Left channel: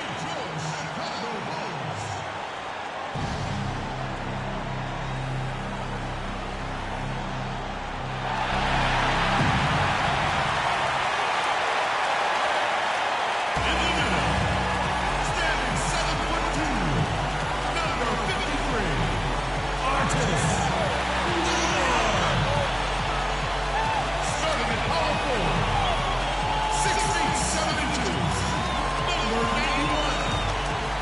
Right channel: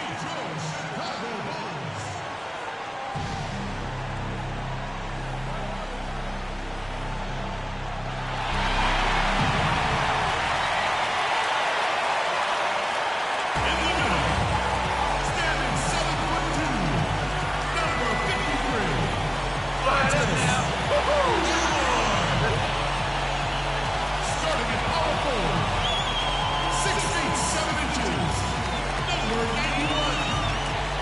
Detroit Chicago Bulls. In the middle, standing 7'2", number 53, Artis Newman. Starting at power forward, 6 feet 7 inches, number 91,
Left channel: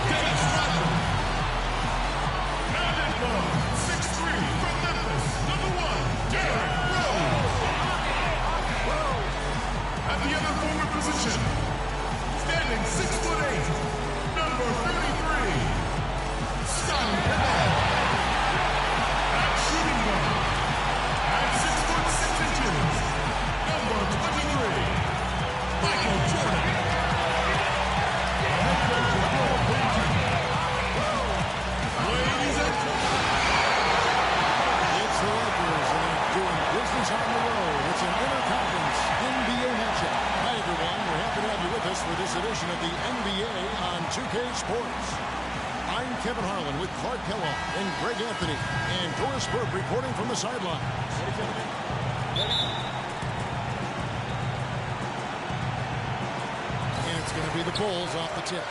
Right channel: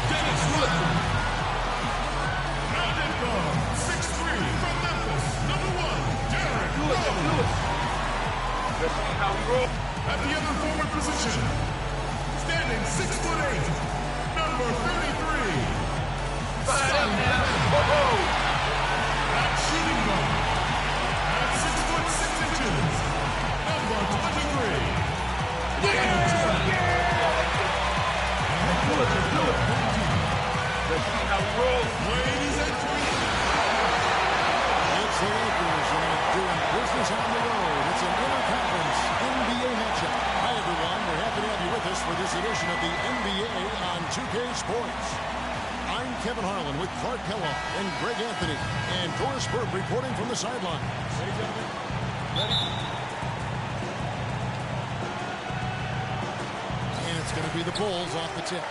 Dennis Rodman. And at guard, 6'3", from Memphis, number 1, Derrick Rose. At the other forward position, standing 6'8", number 33, Scottie Pippen. At shooting guard, at 6'6", number 23, Michael Jordan. The head coach of your home team. Ladies and gentlemen, It's the Lakers, and they're doing business on the road. It's an interconference NBA matchup. Hi, everyone. We're happy to have you with us for this edition of the NBA on 2K Sports. I'm Kevin Harlan with Clark Kellogg and Greg Anthony, and Doris Burke reporting from the sideline. Ready, gentlemen? Ready? And it's going to be the Bulls off the tip.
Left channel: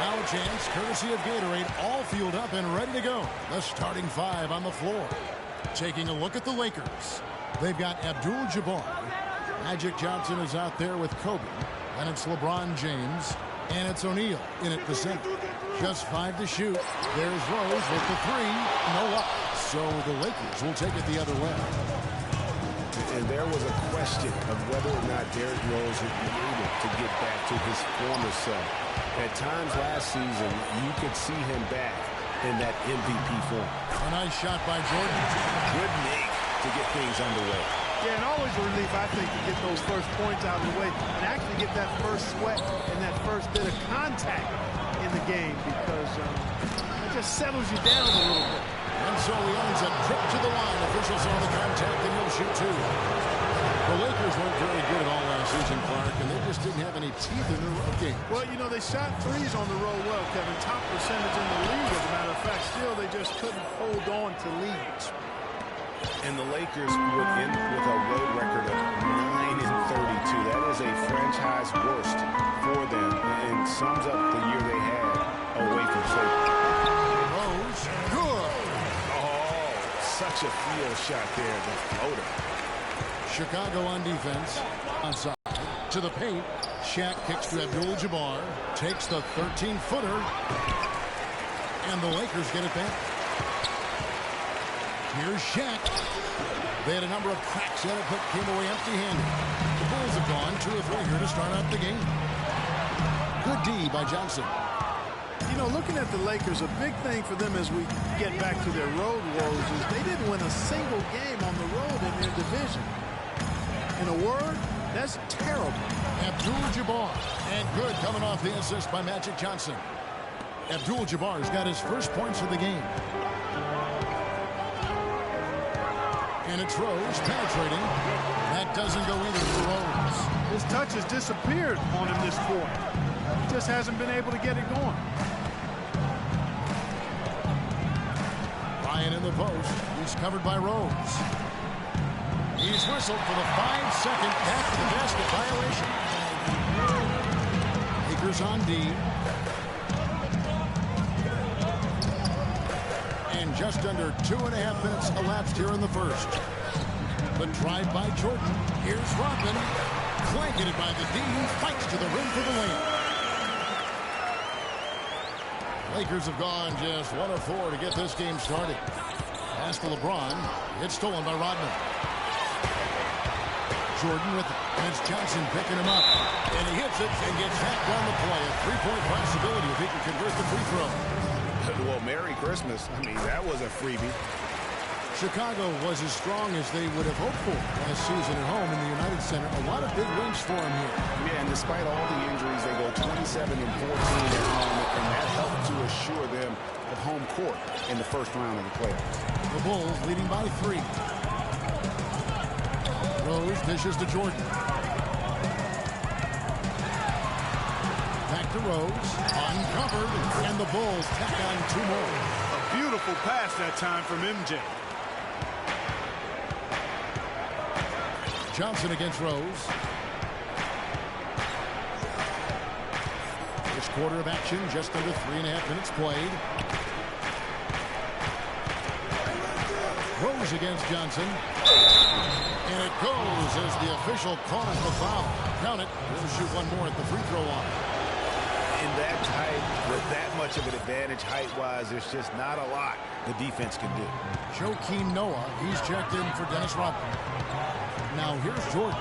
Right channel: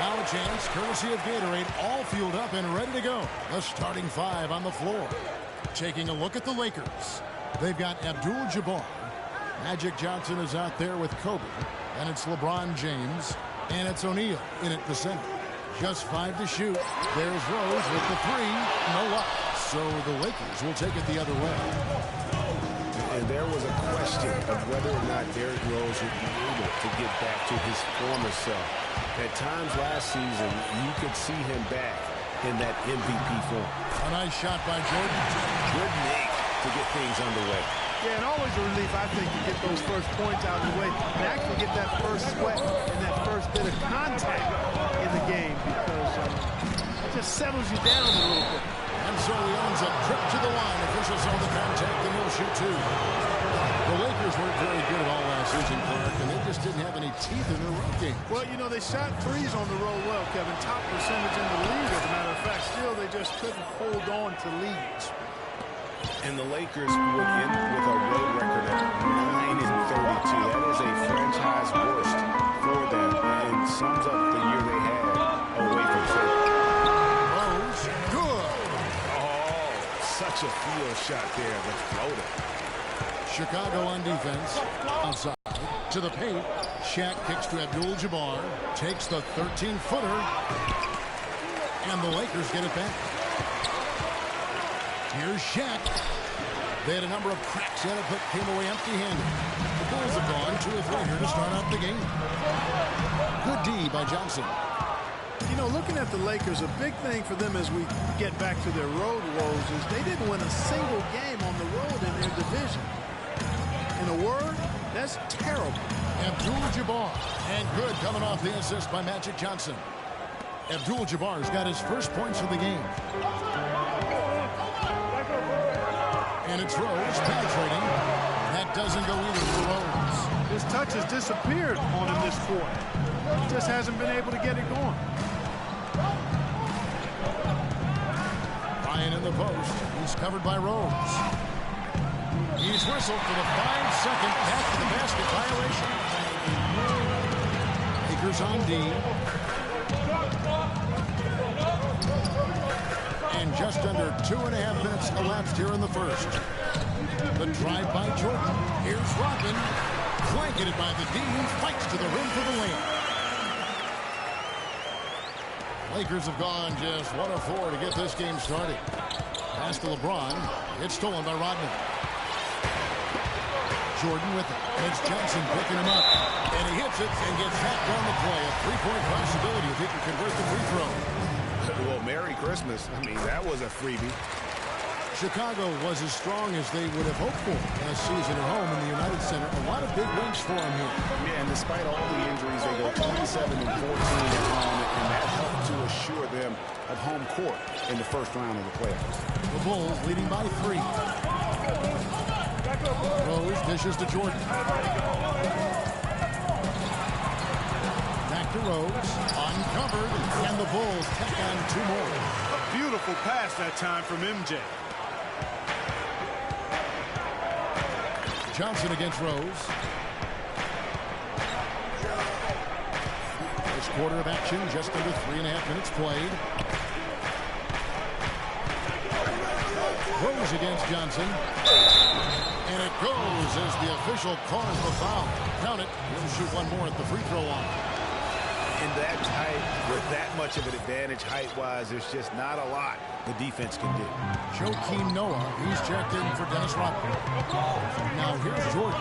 Now a chance, courtesy of Gatorade, all fueled up and ready to go. The starting five on the floor. Taking a look at the Lakers. They've got Abdul-Jabbar. Magic Johnson is out there with Kobe. Then it's LeBron James. And it's O'Neal in at the center. Just 5 to shoot. There's Rose with the 3. No luck. So the Lakers will take it the other way. And there was a question of whether or not Derrick Rose would be able to get back to his former self. At times last season, you could see him back in that MVP form. A nice shot by Jordan. Good make to get things underway. Yeah, and always a relief, I think, to get those first points out of the way and actually get that first sweat and that first bit of contact in the game, because it just settles you down a little bit. And so he owns a trip to the line. Officials saw the contact, and he'll shoot 2. The Lakers weren't very good at all last season, Clark, and they just didn't have any teeth in their road game. Well, you know, they shot threes on the road well, Kevin. Top percentage in the league, as a matter of fact. Still, they just couldn't hold on to leads. And the Lakers would end with a road record of 9-32. That is a franchise worst for them and sums up the year they had away from safety. Rose, good. Oh, such a field shot there, the floater. Chicago on defense. Outside to the paint. Shaq kicks to Abdul-Jabbar. Takes the 13-footer. And the Lakers get it back. Here's Shaq. They had a number of cracks in it, but came away empty-handed. The Bulls have gone 2 or 3 here to start out the game. Good D by Johnson. You know, looking at the Lakers, a big thing for them as we get back to their road woes is they didn't win a single game on the road in their division. In a word, that's terrible. Abdul-Jabbar. And good coming off the assist by Magic Johnson. Abdul-Jabbar's got his first points of the game. And it's Rose penetrating. That doesn't go either for Rose. His touch has disappeared on him this quarter. He just hasn't been able to get it going. Ryan in the post. He's covered by Rose. He's whistled for the 5-second back to the basket violation. Lakers on D. And just under 2.5 minutes elapsed here in the first. The drive by Jordan. Here's Rodman. Blanketed by the D. Fights to the rim for the layup. Lakers have gone just 1 of 4 to get this game started. Pass to LeBron. It's stolen by Rodman. Jordan with it. And it's Johnson picking him up. And he hits it and gets hacked down the play. A 3-point possibility if he can convert the free throw. Well, Merry Christmas. I mean, that was a freebie. Chicago was as strong as they would have hoped for last season at home in the United Center. A lot of big wins for them here. Yeah, and despite all the injuries, they go 27-14 at home, and that helped to assure them of home court in the first round of the playoffs. The Bulls leading by 3. Rose dishes to Jordan. Back to Rose. Uncovered, and the Bulls tack on 2 more. A beautiful pass that time from MJ. Johnson against Rose. First quarter of action, just under 3.5 minutes played. Rose against Johnson. And it goes as the official calls the foul. Count it. He'll shoot 1 more at the free throw line. In that height, with that much of an advantage height-wise, there's just not a lot the defense can do. Joakim Noah, he's checked in for Dennis Rodman. Now here's Jordan.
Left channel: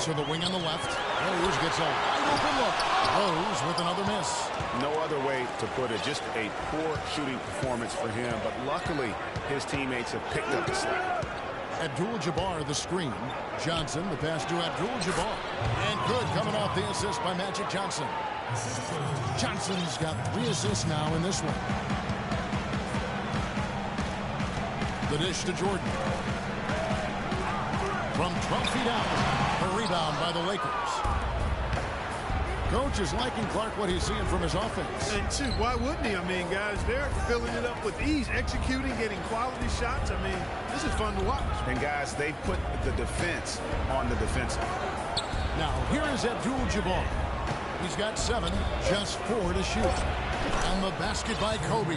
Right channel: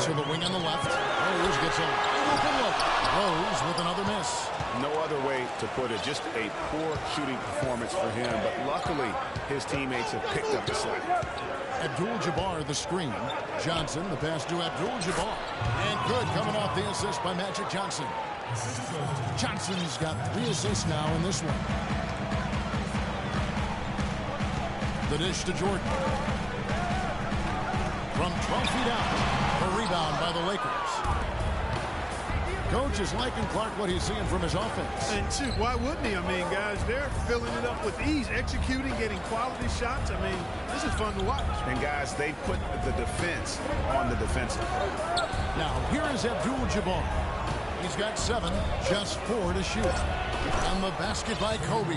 To the wing on the left. Rose gets a wide open look. Rose with another miss. No other way to put it. Just a poor shooting performance for him. But luckily, his teammates have picked up the slack. Abdul-Jabbar the screen. Johnson the pass to Abdul-Jabbar. And good coming off the assist by Magic Johnson. Johnson's got 3 assists now in this one. The dish to Jordan. From 12 feet out. A rebound by the Lakers. Coach is liking Clark what he's seeing from his offense. And shoot, why wouldn't he? I mean, guys, they're filling it up with ease, executing, getting quality shots. I mean, this is fun to watch. And guys, they put the defense on the defensive. Now, here is Abdul-Jabbar. He's got 7, just 4 to shoot. And the basket by Kobe.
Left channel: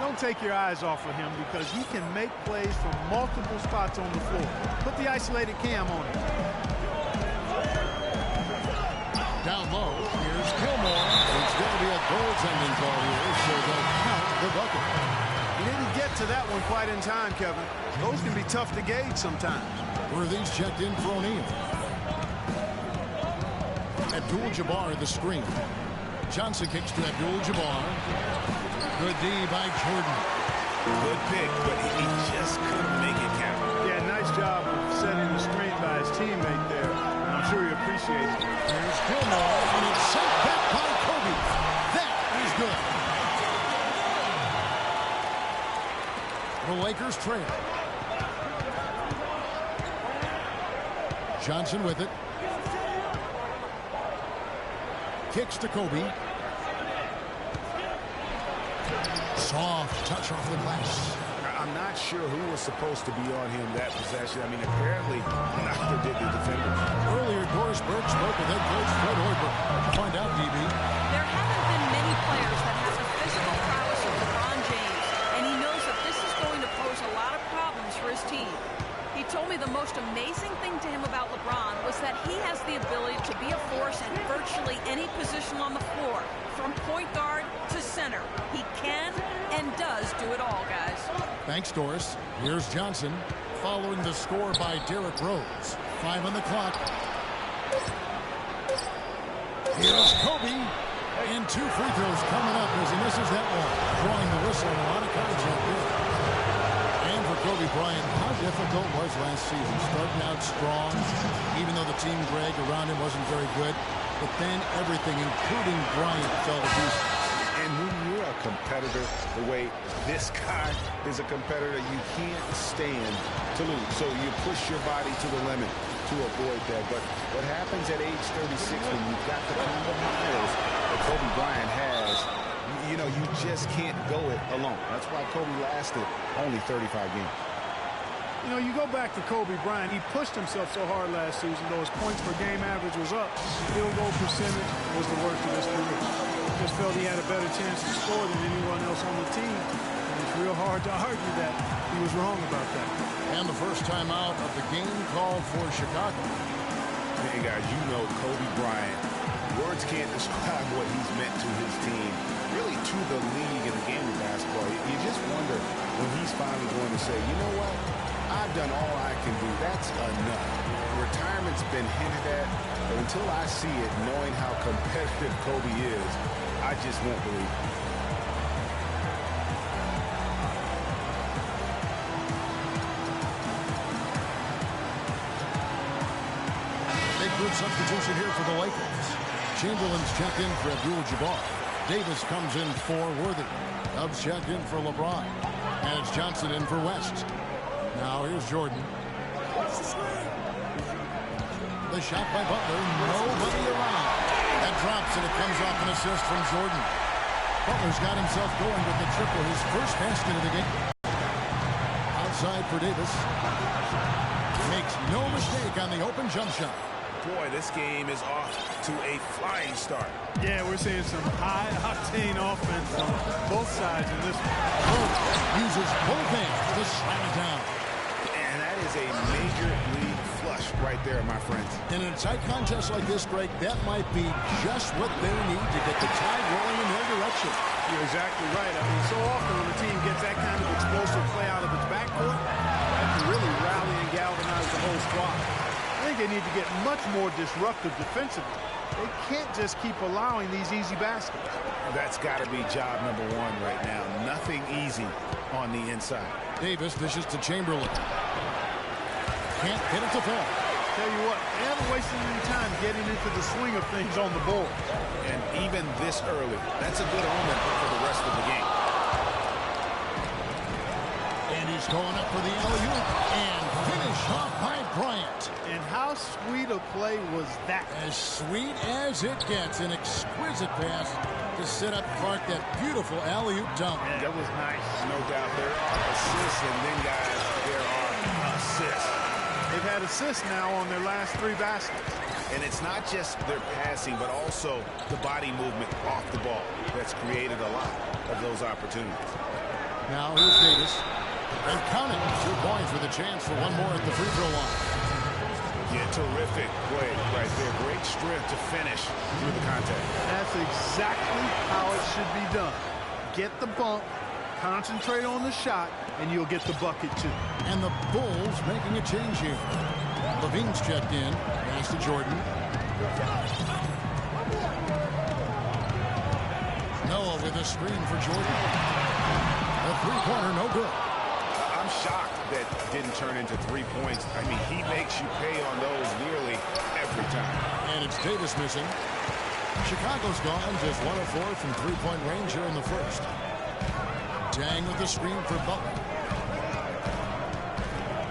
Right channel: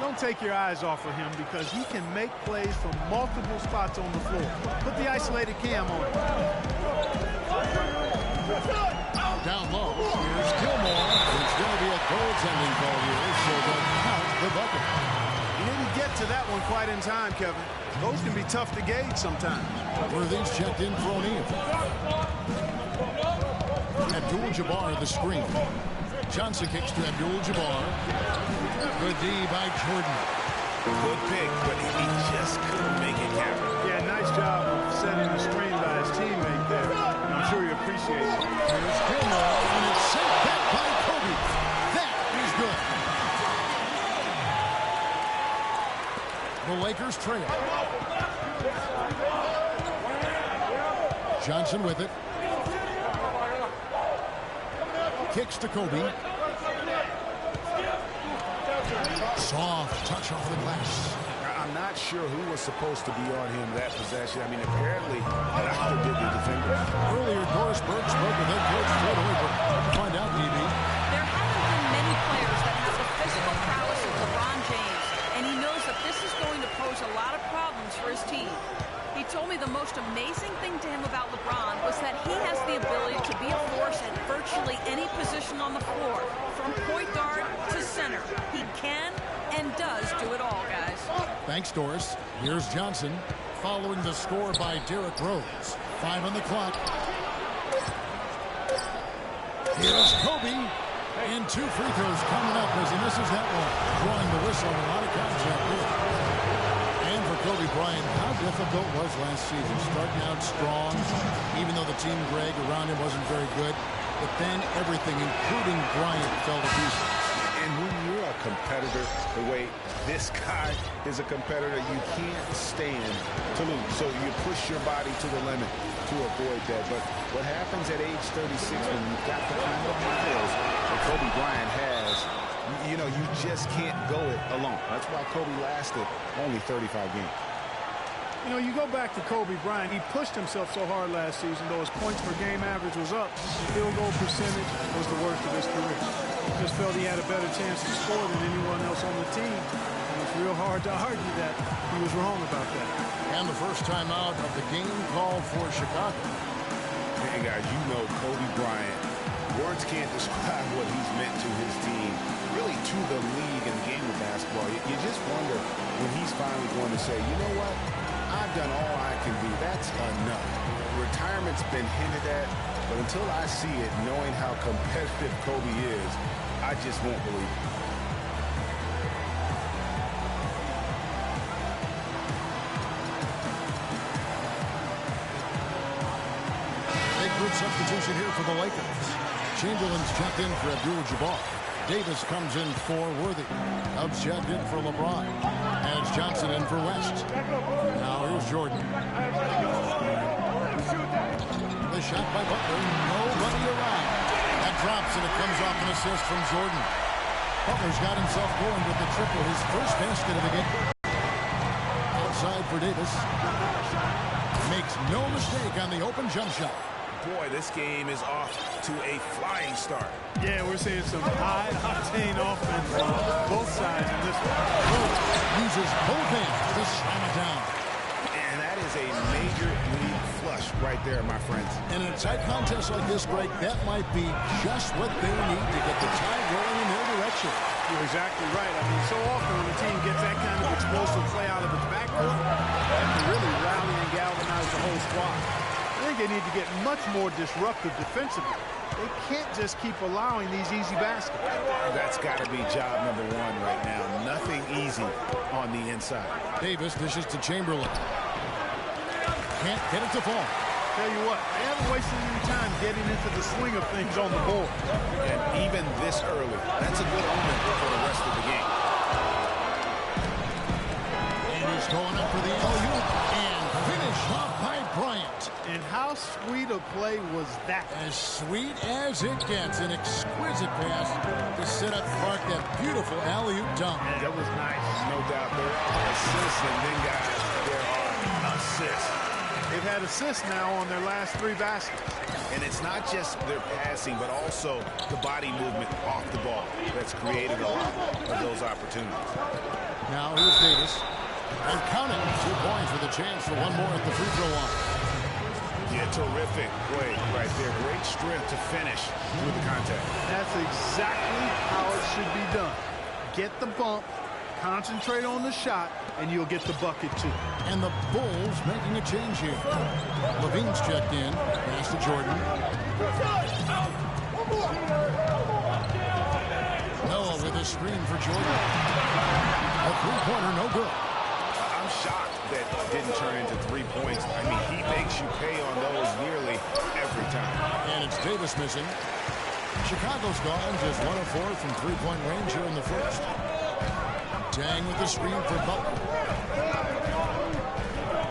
Don't take your eyes off of him because he can make plays from multiple spots on the floor. Put the isolated cam on him. Down low, here's Gilmore. It's going to be a goaltending call here, so they'll count the bucket. He didn't get to that one quite in time, Kevin. Those can be tough to gauge sometimes. Worthy's checked in for O'Neal. Abdul-Jabbar the screen. Johnson kicks to Abdul-Jabbar. Good D by Jordan. Good pick, but he just couldn't make it count. Yeah, nice job of setting the screen by his teammate there. And I'm sure he appreciates it. Here's Gilmore, and it's sent back by Kobe. That is good. The Lakers trail. Johnson with it. Kicks to Kobe. Soft touch off the glass. I'm not sure who was supposed to be on him that possession. I mean, apparently, neither did the defender. Earlier, Doris Burke spoke with head coach Fred Hoiberg. What'd you find out, DB? There haven't been many players that have the physical prowess of LeBron James, and he knows that this is going to pose a lot of problems for his team. He told me the most amazing thing to him about LeBron was that he has the ability to be a force at virtually any position on the floor, from point guard to center. He can and does do it all, guys. Thanks, Doris. Here's Johnson, following the score by Derrick Rose. 5 on the clock. Here's Kobe. And 2 free throws coming up as he misses that one. Drawing the whistle and a lot of contact here. And for Kobe Bryant, how difficult was last season? Starting out strong, even though the team, Greg, around him wasn't very good. But then everything, including Bryant, fell to pieces. And when you're a competitor, the way this guy is a competitor, you can't stand to lose. So you push your body to the limit to avoid that. But what happens at age 36 when you've got the kind of miles that Kobe Bryant has, you know, you just can't go it alone. That's why Kobe lasted only 35 games. You know, you go back to Kobe Bryant, he pushed himself so hard last season, though his points per game average was up. Field goal percentage was the worst of his career. Just felt he had a better chance to score than anyone else on the team. And it's real hard to argue that he was wrong about that. And the first time out of the game called for Chicago. Hey, guys, you know Kobe Bryant, words can't describe what he's meant to his team, really to the league and the game of basketball. You just wonder when he's finally going to say, you know what? I've done all I can do. That's enough. Retirement's been hinted at, but until I see it, knowing how competitive Kobe is, I just won't believe it. Big group substitution here for the Lakers. Chamberlain's checked in for Abdul-Jabbar. Davis comes in for Worthy. Dubs checked in for LeBron. And it's Johnson in for West. Now here's Jordan. The shot by Butler. Nobody around. That drops, and it comes off an assist from Jordan. Butler's got himself going with the triple, his first basket of the game. Outside for Davis. Makes no mistake on the open jump shot. Boy, this game is off to a flying start. Yeah, we're seeing some high-octane offense on both sides in this one. Uses both hands to slam it down. And that is a major league flush right there, my friends. And in a tight contest like this, Greg, that might be just what they need to get the tide rolling in their direction. You're exactly right. I mean, so often when a team gets that kind of explosive play out of its backcourt, that can really rally and galvanize the whole squad. I think they need to get much more disruptive defensively. They can't just keep allowing these easy baskets. That's got to be job number one right now. Nothing easy on the inside. Davis dishes to Chamberlain. Can't get it to fall. Tell you what, they haven't wasted any time getting into the swing of things on the board. And even this early, that's a good omen for the rest of the game. And he's going up for the alley-oop and finished off by Bryant. And how sweet a play was that? As sweet as it gets. An exquisite pass to set up Clark, that beautiful alley-oop dunk. Yeah, that was nice. No doubt there are assists, and then, guys, there are assists. They've had assists now on their last 3 baskets. And it's not just their passing, but also the body movement off the ball that's created a lot of those opportunities. Now here's Davis. And count it. 2 points with a chance for one more at the free throw line. Yeah, terrific play right there. Great strength to finish through the contact. That's exactly how it should be done. Get the bump, concentrate on the shot, and you'll get the bucket too. And the Bulls making a change here. Levine's checked in. Pass to Jordan. Noah with a screen for Jordan. A three-pointer, no good. I'm shocked that didn't turn into 3 points. I mean, he makes you pay on those nearly every time. And it's Davis missing. Chicago's gone just 1 of 4 from three-point range here in the first. Dang with the screen for Butler.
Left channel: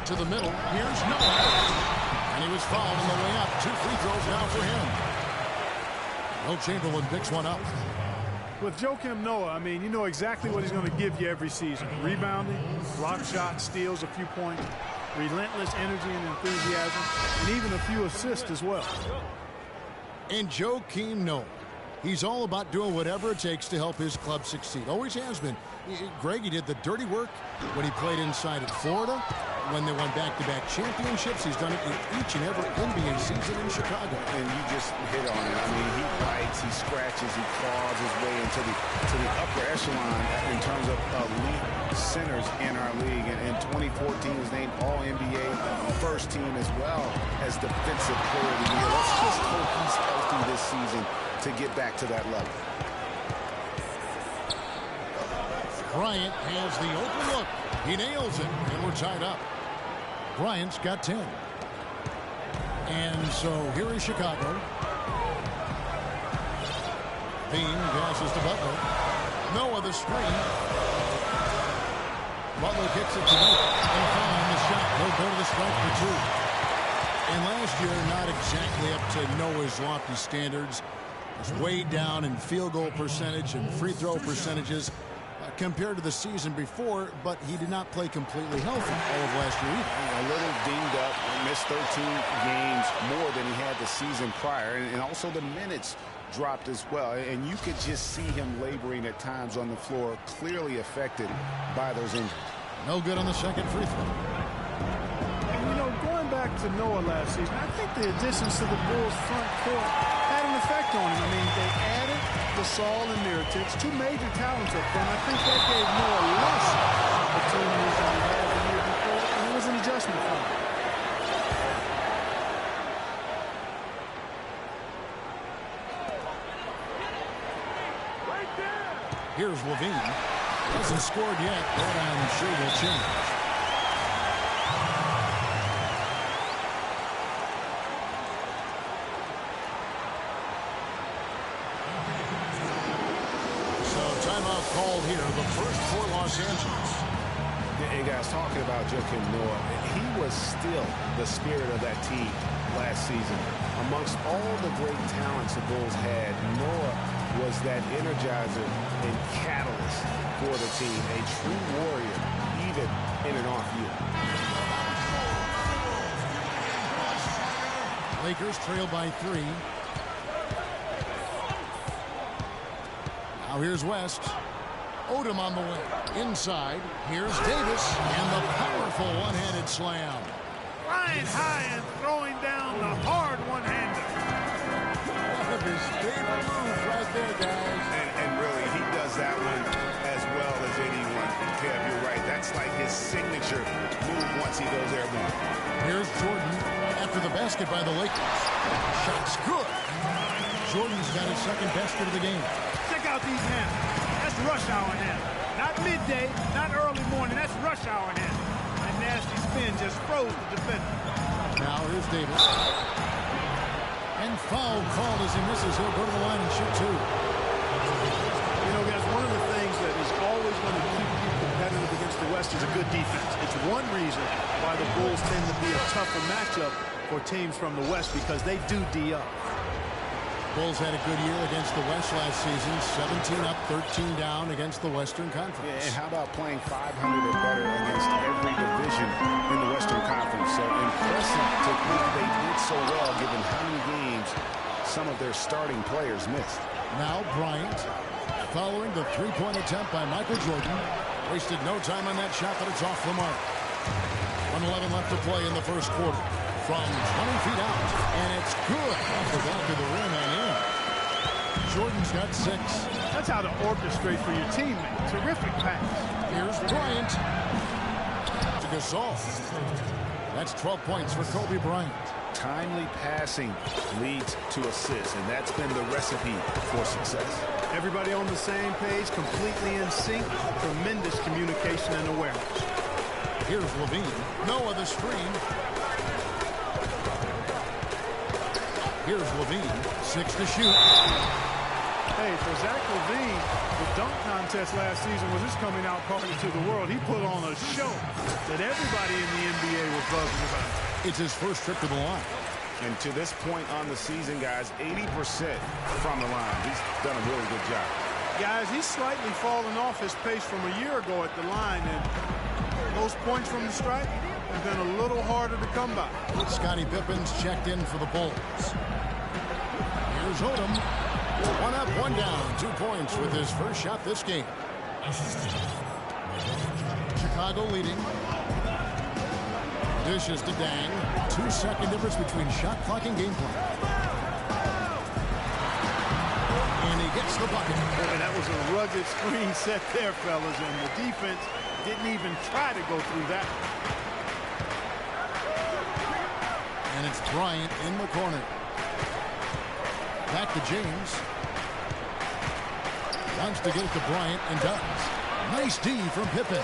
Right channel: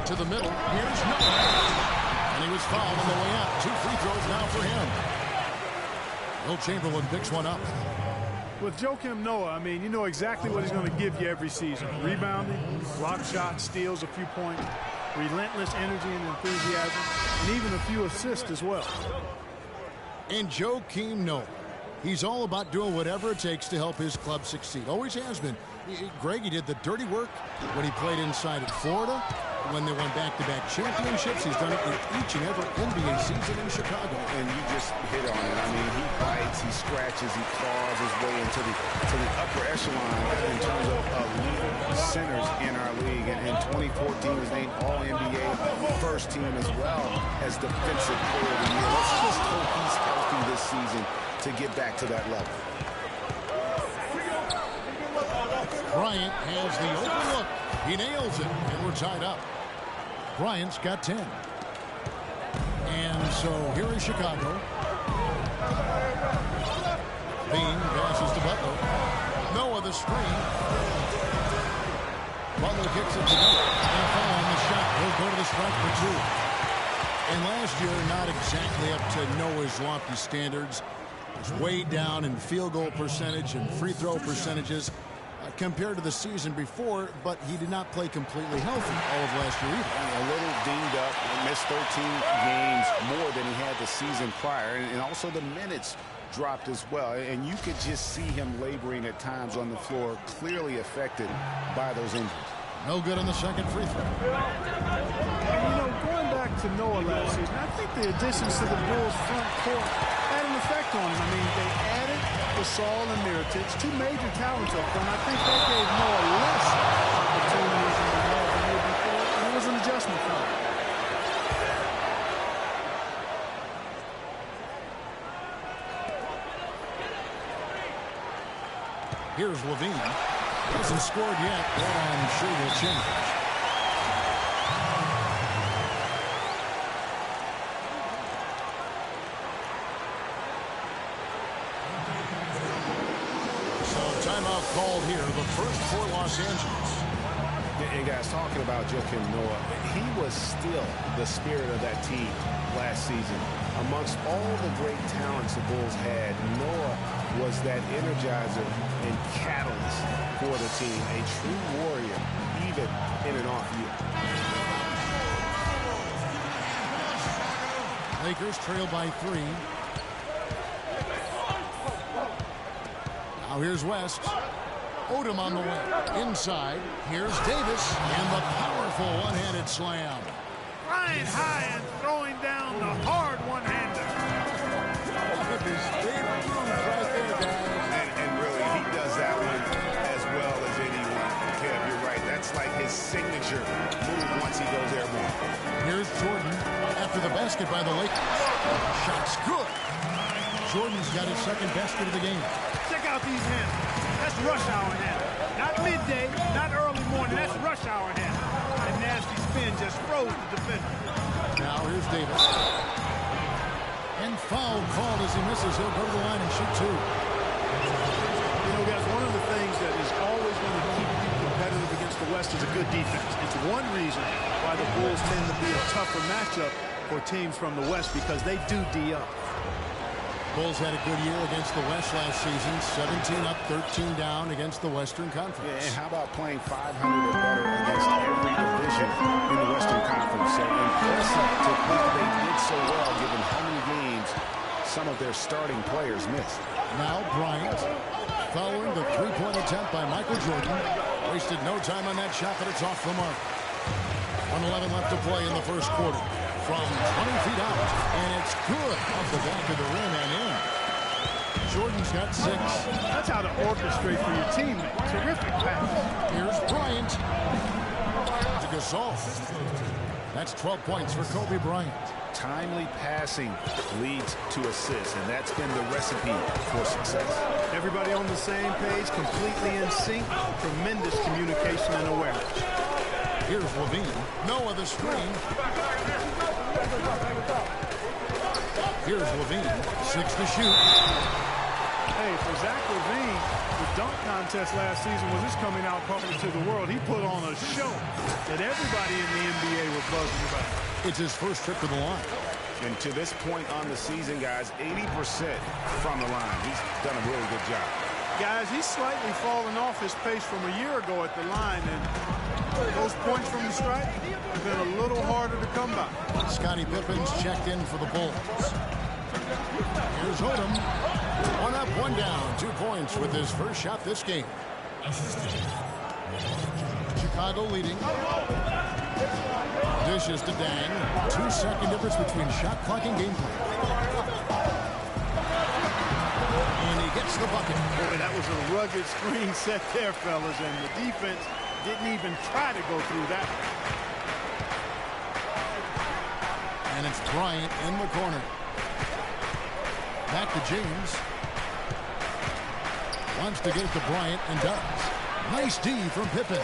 To the middle. Here's Noah. And he was fouled on the way up. 2 free throws now for him. Will Chamberlain picks one up. With Joakim Noah, I mean, you know exactly what he's going to give you every season. Rebounding, block shots, steals a few points, relentless energy and enthusiasm, and even a few assists as well. And Joakim Noah, he's all about doing whatever it takes to help his club succeed. Always has been. Greg, he did the dirty work when he played inside at Florida. When they won back-to-back championships, he's done it in each and every NBA season in Chicago. And you just hit on it. I mean, he bites, he scratches, he claws his way into the upper echelon in terms of elite centers in our league. And in 2014, he was named All-NBA first team as well as Defensive Player of the Year. Let's just hope he's healthy this season to get back to that level. Bryant has the open look. He nails it, and we're tied up. Bryant's got 10. And so here is Chicago. Bean passes to Butler. Noah the screen. Butler kicks it to Noah. And a foul on the shot. He'll go to the strike for 2. And last year, not exactly up to Noah's lofty standards. It was way down in field goal percentage and free throw percentages compared to the season before, but he did not play completely healthy all of last year either. A little dinged up, missed 13 games more than he had the season prior, and also the minutes dropped as well. And you could just see him laboring at times on the floor, clearly affected by those injuries. No good on the second free throw. And, you know, going back to Noah last season, I think the additions to the Bulls front court had an effect on him. I mean, they added Gasol and Mirotic, 2 major talents up front. I think that gave Noah less opportunities than he had the year before, and it was an adjustment for him. Here's Levine. He hasn't scored yet, but I'm sure will change. Timeout called here, the first for Los Angeles. And guys, talking about Joakim Noah, he was still the spirit of that team last season. Amongst all the great talents the Bulls had, Noah was that energizer and catalyst for the team, a true warrior, even in an off year. Lakers trail by 3. Now here's West. Odom on the wing. Inside, here's Davis, and the powerful one-handed slam. Flying high and throwing down the hard one-hander. One of his favorite moves right there, guys. And really, he does that one as well as anyone. Kev, you're right. That's like his signature move once he goes airborne. Here's Jordan after the basket by the Lakers. Shot's good. Jordan's got his second basket of the game. Check out these handles. That's rush hour handle. Not midday, not early morning. That's rush hour handle. That nasty spin just froze the defender. Now here's Davis. And foul called as he misses. He'll go to the line and shoot 2. You know, guys, one of the things that is always going to keep you competitive against the West is a good defense. It's one reason why the Bulls tend to be a tougher matchup for teams from the West, because they do D up. Bulls had a good year against the West last season. 17 up, 13 down against the Western Conference. Yeah, and how about playing 500 or better against every division in the Western Conference? So impressive to think they did so well given how many games some of their starting players missed. Now Bryant, following the three-point attempt by Michael Jordan. Wasted no time on that shot, but it's off the mark. 1:11 left to play in the first quarter. From 20 feet out, and it's good off the back of the rim and in. Jordan's got 6. That's how to orchestrate for your teammate. Terrific pass. Here's Bryant to Gasol. That's 12 points for Kobe Bryant. Timely passing leads to assists, and that's been the recipe for success. Everybody on the same page, completely in sync. Tremendous communication and awareness. Here's Levine. Noah the screen. Here's Levine. 6 to shoot. Hey, for Zach LaVine, the dunk contest last season was his coming out party to the world. He put on a show that everybody in the NBA was buzzing about. It's his first trip to the line. And to this point on the season, guys, 80% from the line. He's done a really good job. Guys, he's slightly fallen off his pace from a year ago at the line, and those points from the stripe have been a little harder to come by. Scottie Pippen's checked in for the Bulls. Here's Odom. 1 up, 1 down. 2 points with his first shot this game. Chicago leading. Dishes to Dang. 2-second difference between shot clock and game clock. And he gets the bucket. Boy, that was a rugged screen set there, fellas, and the defense didn't even try to go through that. And it's Bryant in the corner. Back to James. Wants to get it to Bryant and does. Nice D from Pippen.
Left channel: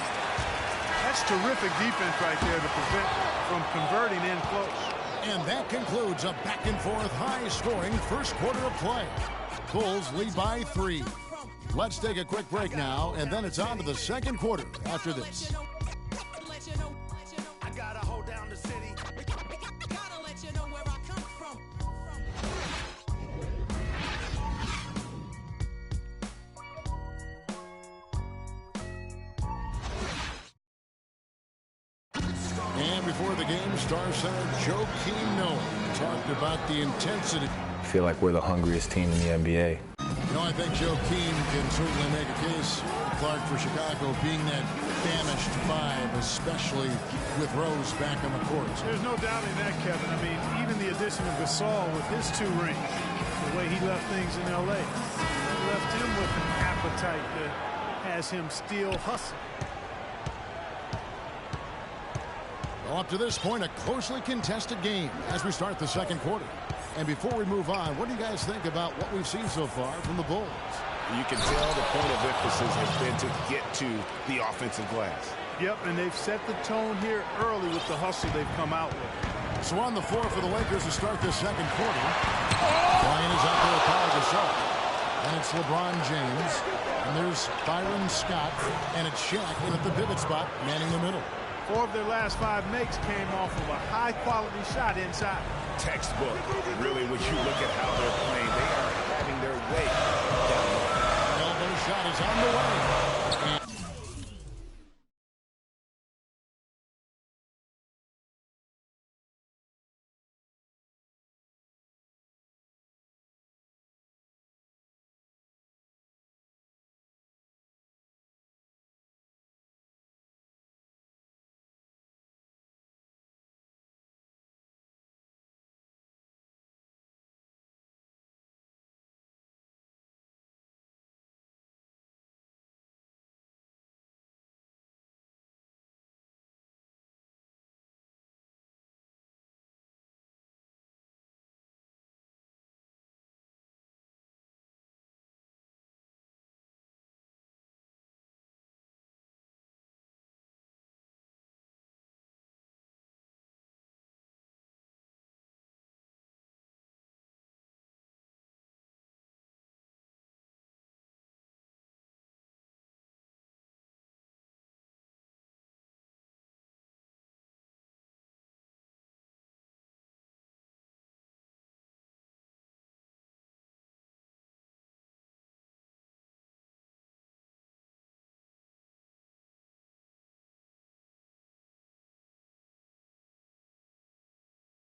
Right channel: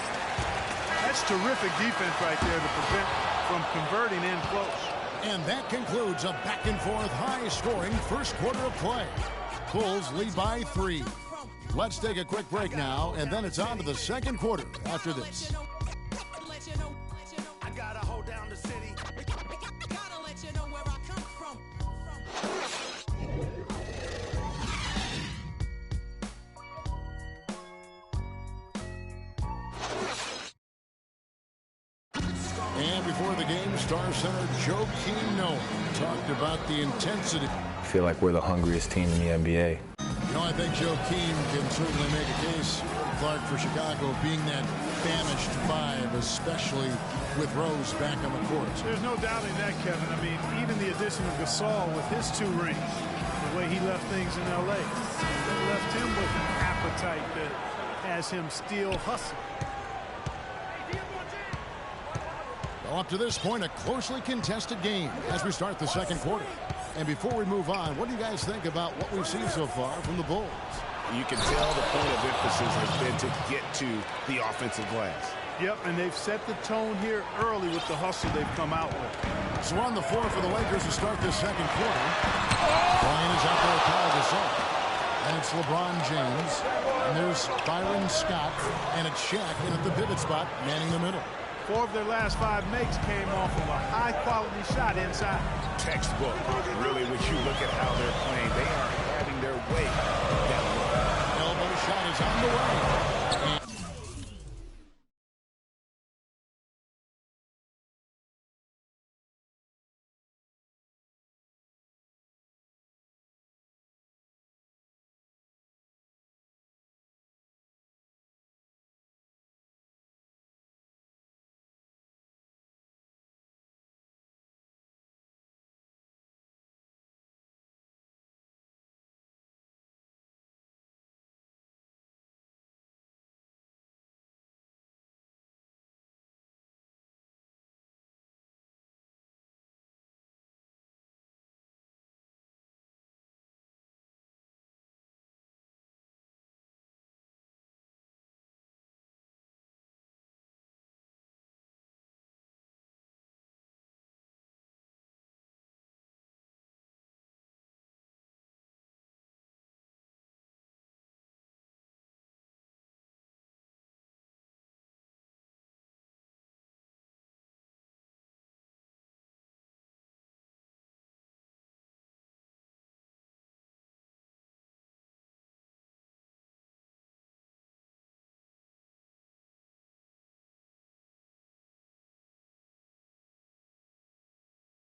That's terrific defense right there to prevent from converting in close. And that concludes a back-and-forth, high-scoring first quarter of play. Bulls lead by 3. Let's take a quick break now, and then it's on to the second quarter after this. And before the game, Star Center Joakim Noah talked about the intensity. I feel like we're the hungriest team in the NBA. You know, I think Joakim can certainly make a case, Clark, for Chicago being that famished 5, especially with Rose back on the court. There's no doubting that, Kevin. I mean, even the addition of Gasol with his 2 rings, the way he left things in L.A., left him with an appetite that has him still hustling. Well, up to this point, a closely contested game as we start the second quarter. And before we move on, what do you guys think about what we've seen so far from the Bulls? You can tell the point of emphasis has been to get to the offensive glass. Yep, and they've set the tone here early with the hustle they've come out with. So on the floor for the Lakers to start this second quarter. Bryant is out there with Paul Gasol. And it's LeBron James. And there's Byron Scott. And it's Shaq in at the pivot spot, manning the middle. 4 of their last 5 makes came off of a high-quality shot inside. Textbook. Really, when you look at how they're playing, they are having their way down low. Elbow shot is on the way.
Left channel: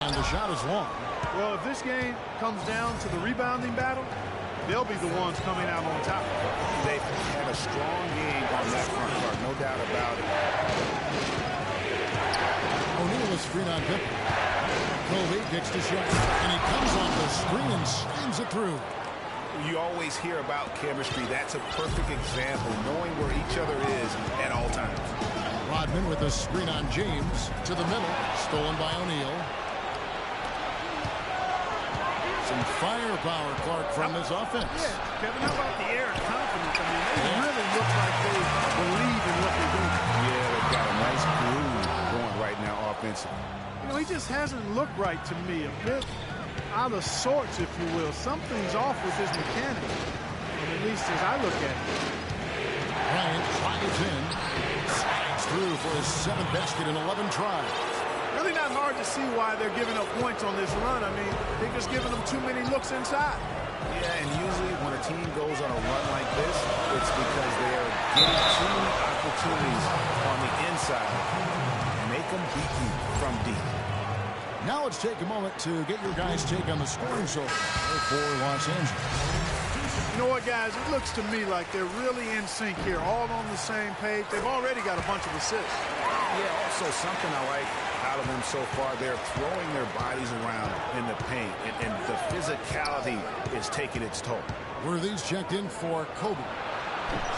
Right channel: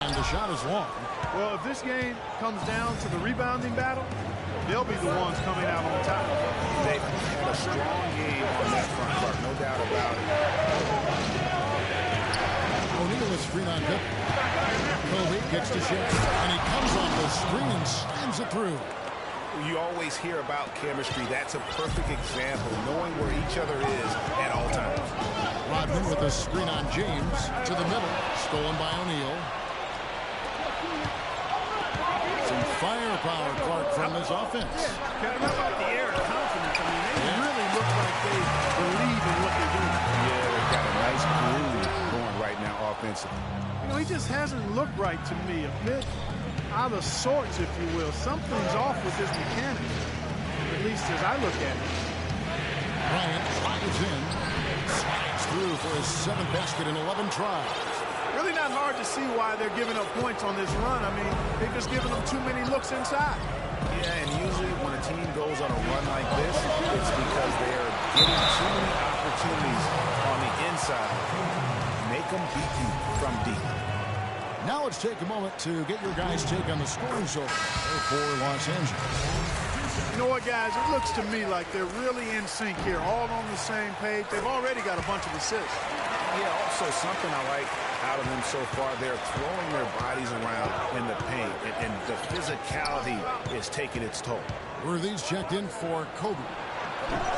And the shot is long. Well, if this game comes down to the rebounding battle, they'll be the ones coming out on top. They've had a strong game on that front, Clark, no doubt about it. O'Neal is screen on Pippen. Kobe kicks to shot, and he comes off the screen and slams it through. You always hear about chemistry. That's a perfect example, knowing where each other is at all times. Rodman with a screen on James to the middle, stolen by O'Neal. Some firepower, Clark, from this offense. Yeah, Kevin, how about the air of confidence? I mean, they really look like they believe in what they're doing. Yeah, they've got a nice groove going right now offensively. You know, he just hasn't looked right to me. A bit out of sorts, if you will. Something's off with his mechanics, at least as I look at it. Bryant drives in, slides through for his 7th basket in 11 tries. Really not hard to see why they're giving up points on this run. I mean, they're just giving them too many looks inside. Yeah, and usually when a team goes on a run like this, it's because they are getting too many opportunities on the inside. Make them beat you from deep. Now let's take a moment to get your guys' take on the scoring so far for Los Angeles. You know what, guys? It looks to me like they're really in sync here, all on the same page. They've already got a bunch of assists. Yeah, also something I like out of them so far, they're throwing their bodies around in the paint, and the physicality is taking its toll. Worthy's checked in for Kobe.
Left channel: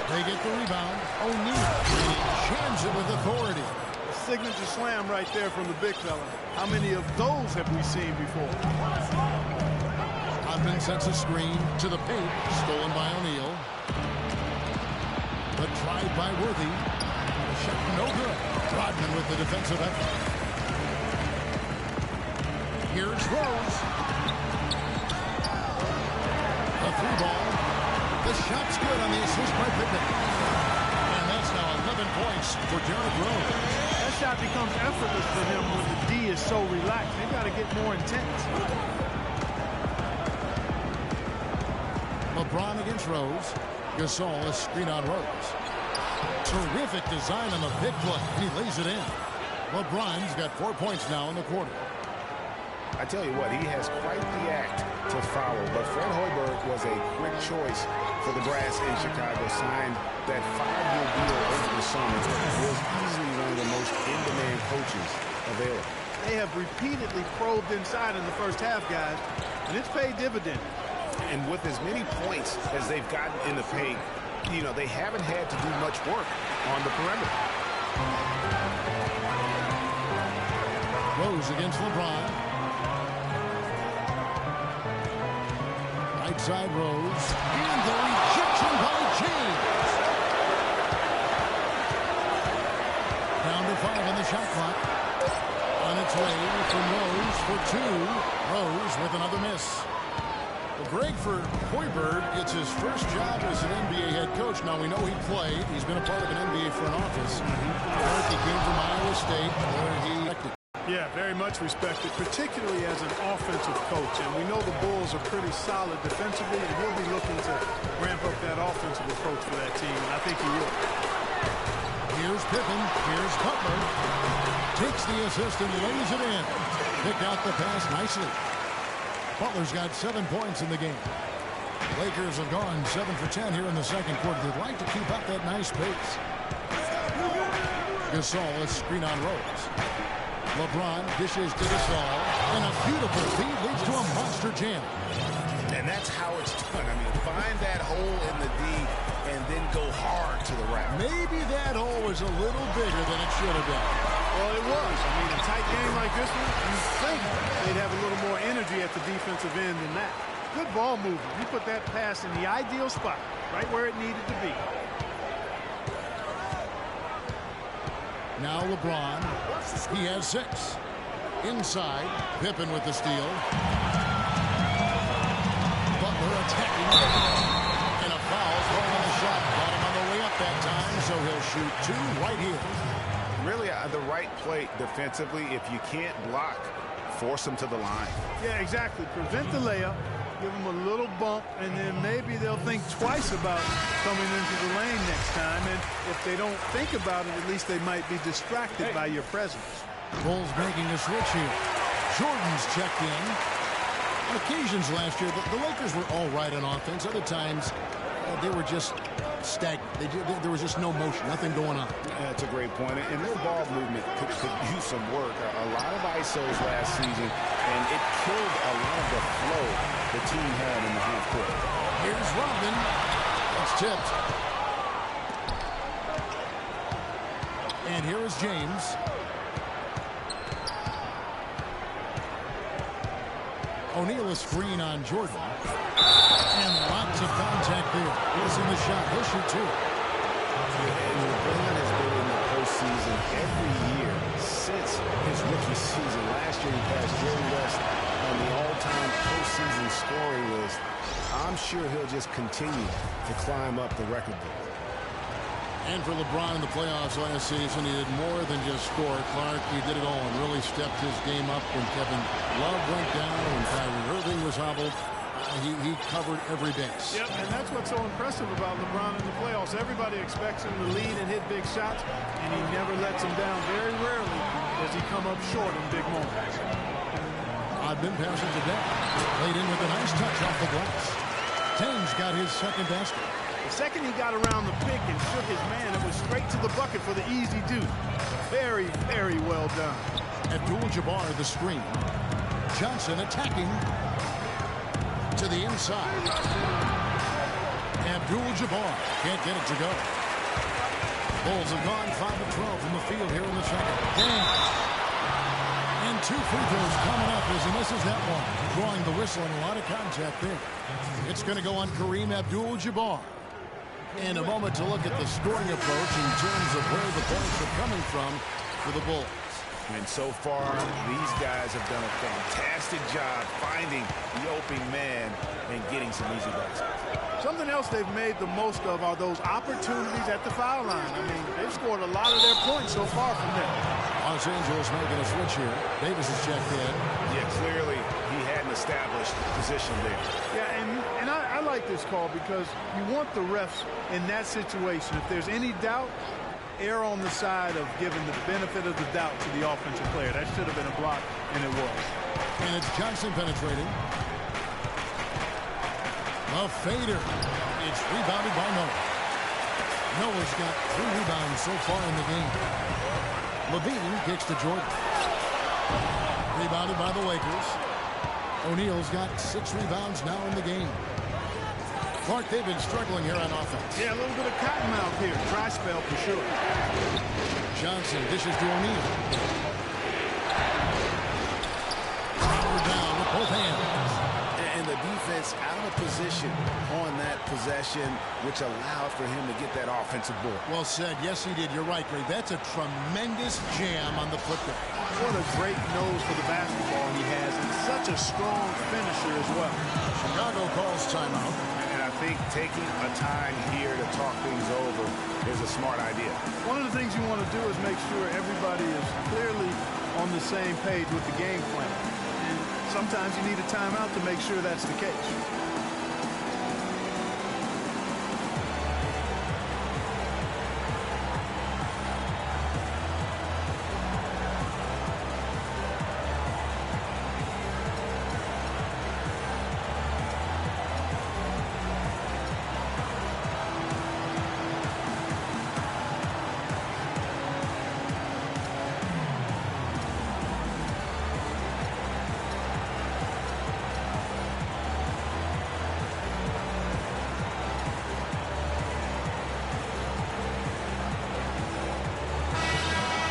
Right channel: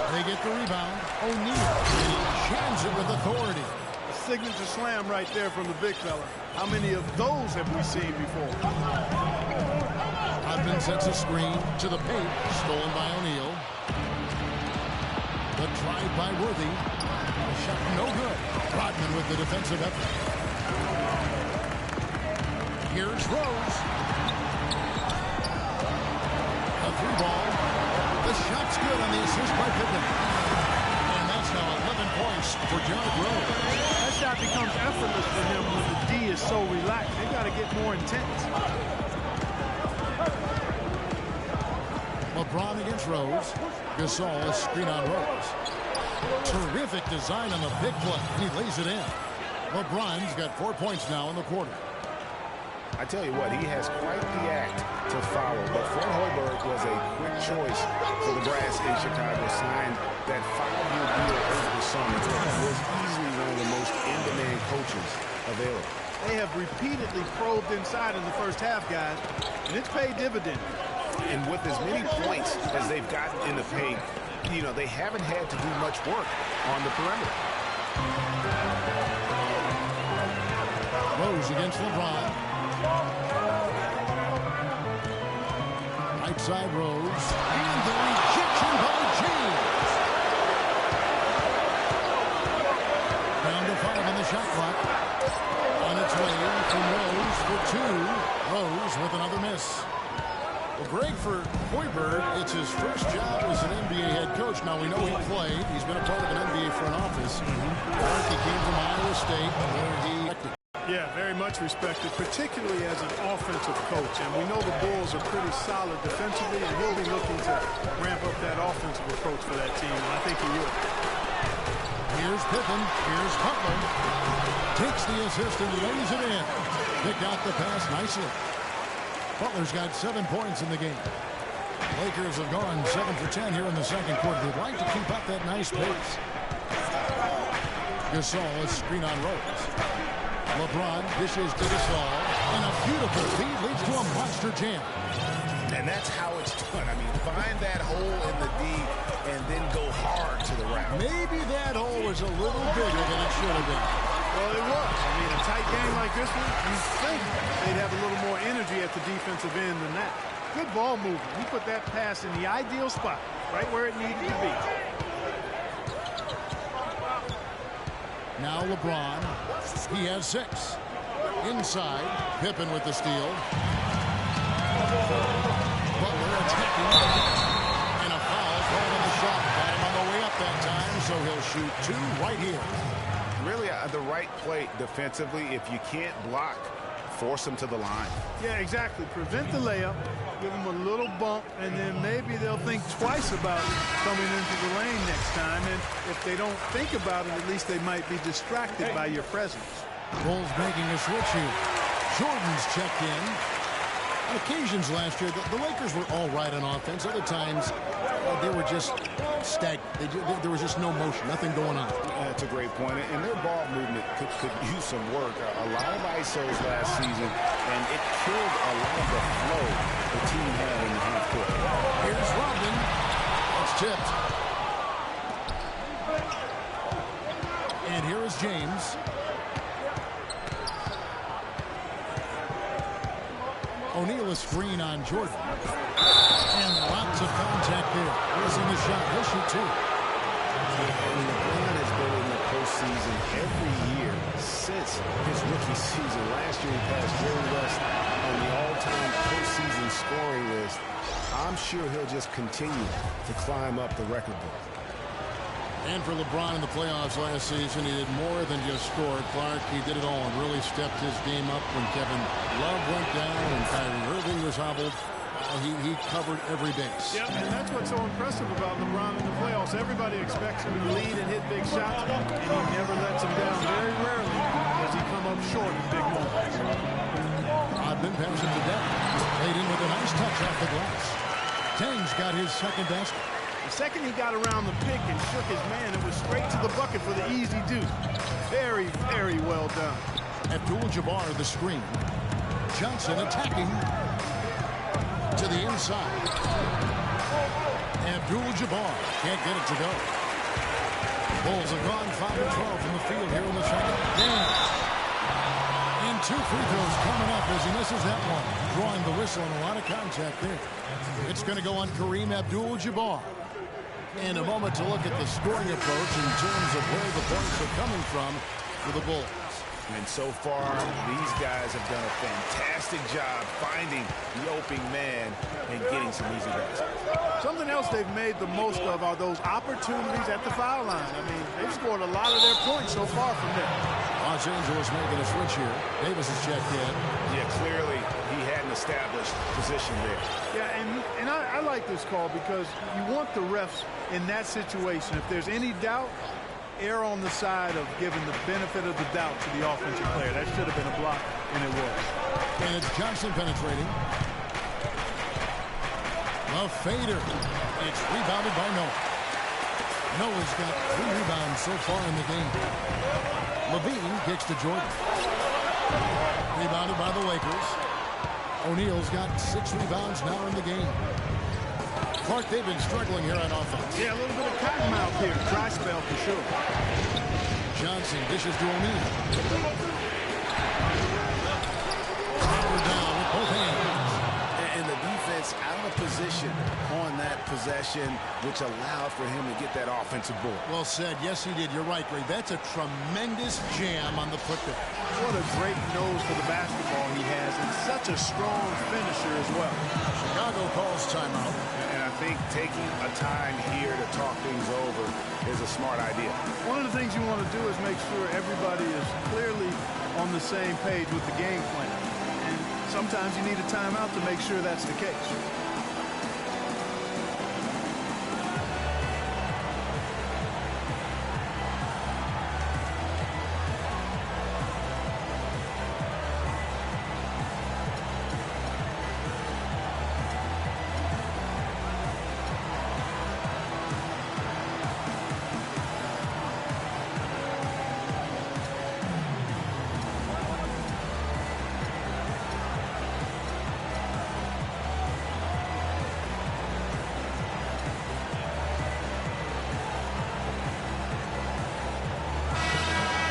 They get the rebound. O'Neal, and he jams it with authority. A signature slam right there from the big fella. How many of those have we seen before? Rodman sets a screen to the paint, stolen by O'Neal. The drive by Worthy. The shot no good. Rodman with the defensive effort. Here's Rose. A 3-ball. The shot's good on the assist by Pippen. And that's now 11 points for Derrick Rose. That shot becomes effortless for him when the D is so relaxed. They've got to get more intense. LeBron against Rose. Gasol is screen on Rose. Terrific design on the big play, and he lays it in. LeBron's got 4 points now in the quarter. I tell you what, he has quite the act to follow, but Fred Hoiberg was a quick choice for the Brass in Chicago. Signed that 5-year deal over the summer. Was easily one of the most in-demand coaches available. They have repeatedly probed inside in the first half, guys, and it's paid dividends. And with as many points as they've gotten in the paint, you know, they haven't had to do much work on the perimeter. Rose against LeBron. Right side Rose. And the rejection by James. Down to 5 on the shot clock. On its way from Rose for 2. Rose with another miss. Well, Greg, for Hoiberg, it's his first job as an NBA head coach. Now, we know he played. He's been a part of an NBA front office. He came from Iowa State, where he acted. Yeah, very much respected, particularly as an offensive coach. And we know the Bulls are pretty solid defensively, and he'll be looking to ramp up that offensive approach for that team, and I think he will. Here's Pippen. Here's Butler. Takes the assist and lays it in. Picked out the pass nicely. Butler's got 7 points in the game. Lakers have gone 7 for 10 here in the second quarter. They'd like to keep up that nice pace. Gasol, a screen on Rose. LeBron dishes to Gasol, and a beautiful feed leads to a monster jam. And that's how it's done. I mean, find that hole in the D and then go hard to the rack. Maybe that hole was a little bigger than it should have been. Well, it was. I mean, a tight game like this one, you think they'd have a little more energy at the defensive end than that. Good ball movement. He put that pass in the ideal spot, right where it needed to be. Now LeBron. He has 6. Inside, Pippen with the steal. Butler attacking. And a foul thrown on the shot. Got him on the way up that time, so he'll shoot 2 right here. Really, the right play defensively. If you can't block, force them to the line. Yeah, exactly. Prevent the layup, give them a little bump, and then maybe they'll think twice about coming into the lane next time. And if they don't think about it, at least they might be distracted by your presence. Bulls making a switch here. Jordan's checked in. On occasions last year, the Lakers were all right on offense. Other times, they were just stagnant. There was just no motion, nothing going on. That's a great point. And their ball movement could use some work. A lot of ISOs last season, and it killed a lot of the flow the team had in the half court. Here's Rodman. It's tipped. And here is James. O'Neal a screen on Jordan. And lots of contact there. Missing the shot. He'll shoot 2. And LeBron has been in the postseason every year since his rookie season. Last year he passed Jerry West on the all-time postseason scoring list. I'm sure he'll just continue to climb up the record book. And for LeBron in the playoffs last season, he did more than just score. Clark, he did it all and really stepped his game up when Kevin Love went down, when Kyrie Irving was hobbled. He covered every base. Yep, and that's what's so impressive about LeBron in the playoffs. Everybody expects him to lead and hit big shots, and he never lets them down. Very rarely does he come up short in big moments. Odman passes to Deck. Played in with a nice touch off the glass. Tang's got his second basket. The second he got around the pick and shook his man, it was straight to the bucket for the easy deuce. Very, very well done. Abdul-Jabbar the screen. Johnson attacking to the inside. Abdul-Jabbar can't get it to go. Bulls have gone 5 of 12 from the field here in the second. Damn. And 2 free throws coming up as he misses that one. Drawing the whistle and a lot of contact there. It's going to go on Kareem Abdul-Jabbar. And a moment to look at the scoring approach in terms of where the points are coming from for the Bulls. And so far, these guys have done a fantastic job finding the opening man and getting some easy baskets. Something else they've made the most of are those opportunities at the foul line. I mean, they've scored a lot of their points so far from there. Los Angeles making a switch here. Davis is checked in. Yeah, clearly he had an established position there. Yeah, and I like this call because you want the refs in that situation. If there's any doubt, err on the side of giving the benefit of the doubt to the offensive player. That should have been a block, and it was. And it's Johnson penetrating. The fader. It's rebounded by Noah. Noah's got 3 rebounds so far in the game. Levine kicks to Jordan. Rebounded by the Lakers. O'Neal's got 6 rebounds now in the game. Clark, they've been struggling here on offense. Yeah, a little bit of cottonmouth here. Dry spell for sure. Johnson dishes to O'Neal. Power down with both hands. And the defense defense out of position on that possession, which allowed for him to get that offensive board. Well said. Yes, he did. You're right, Greg. That's a tremendous jam on the putback. What a great nose for the basketball he has, and such a strong finisher as well. Chicago calls timeout. And I think taking a time here to talk things over is a smart idea. One of the things you want to do is make sure everybody is clearly on the same page with the game plan. And sometimes you need a timeout to make sure that's the case.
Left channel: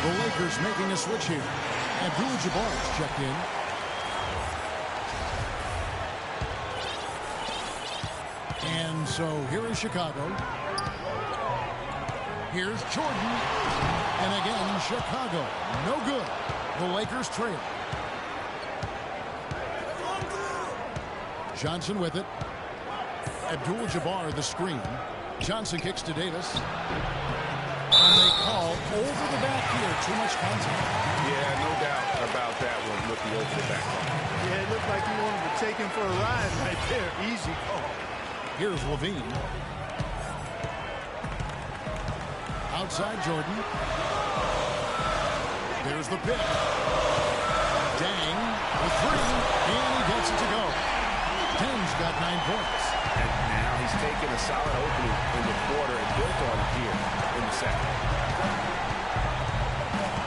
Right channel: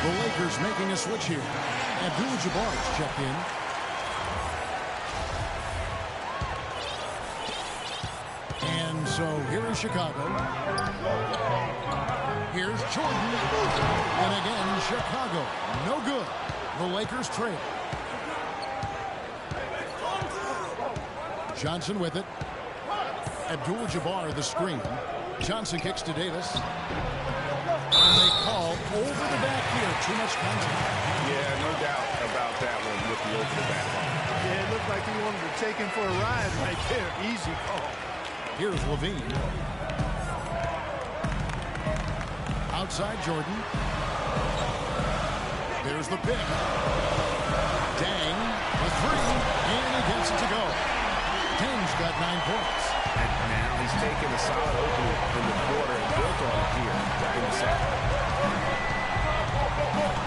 The Lakers making a switch here. Abdul-Jabbar's checked in. And so here is Chicago. Here's Jordan. And again, Chicago. No good. The Lakers trail. Johnson with it. Abdul-Jabbar the screen. Johnson kicks to Davis. And they call over the back here. Too much contact. Yeah, no doubt about that one with the over the back call. Yeah, it looked like he wanted to take him for a ride right there. Easy call. Here's Levine. Outside Jordan. There's the pick. Dang, the three, and he gets it to go. Dang's got 9 points. And now he's taken a solid opening in the quarter and built on it here in the second.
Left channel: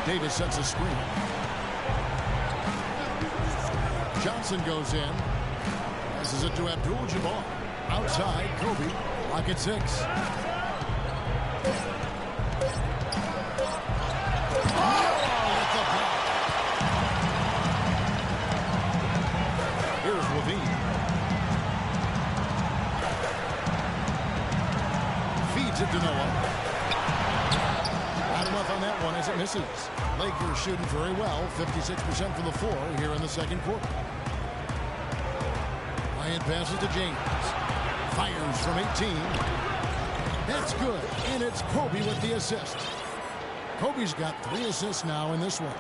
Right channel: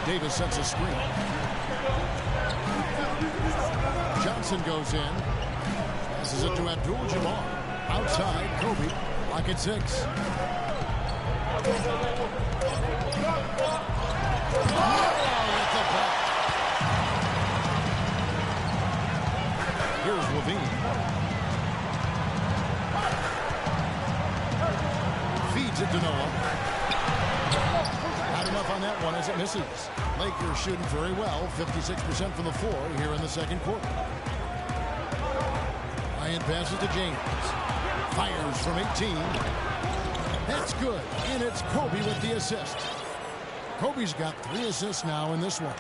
Davis sets a screen. Johnson goes in. Passes it to Abdul-Jabbar. Outside, Kobe. Lock at 6. With the block. Here's Levine. Feeds it to Noah. Not enough on that one as it misses. Lakers shooting very well, 56% from the floor here in the second quarter. Bryant passes to James. Fires from 18. That's good. And it's Kobe with the assist. Kobe's got 3 assists now in this one.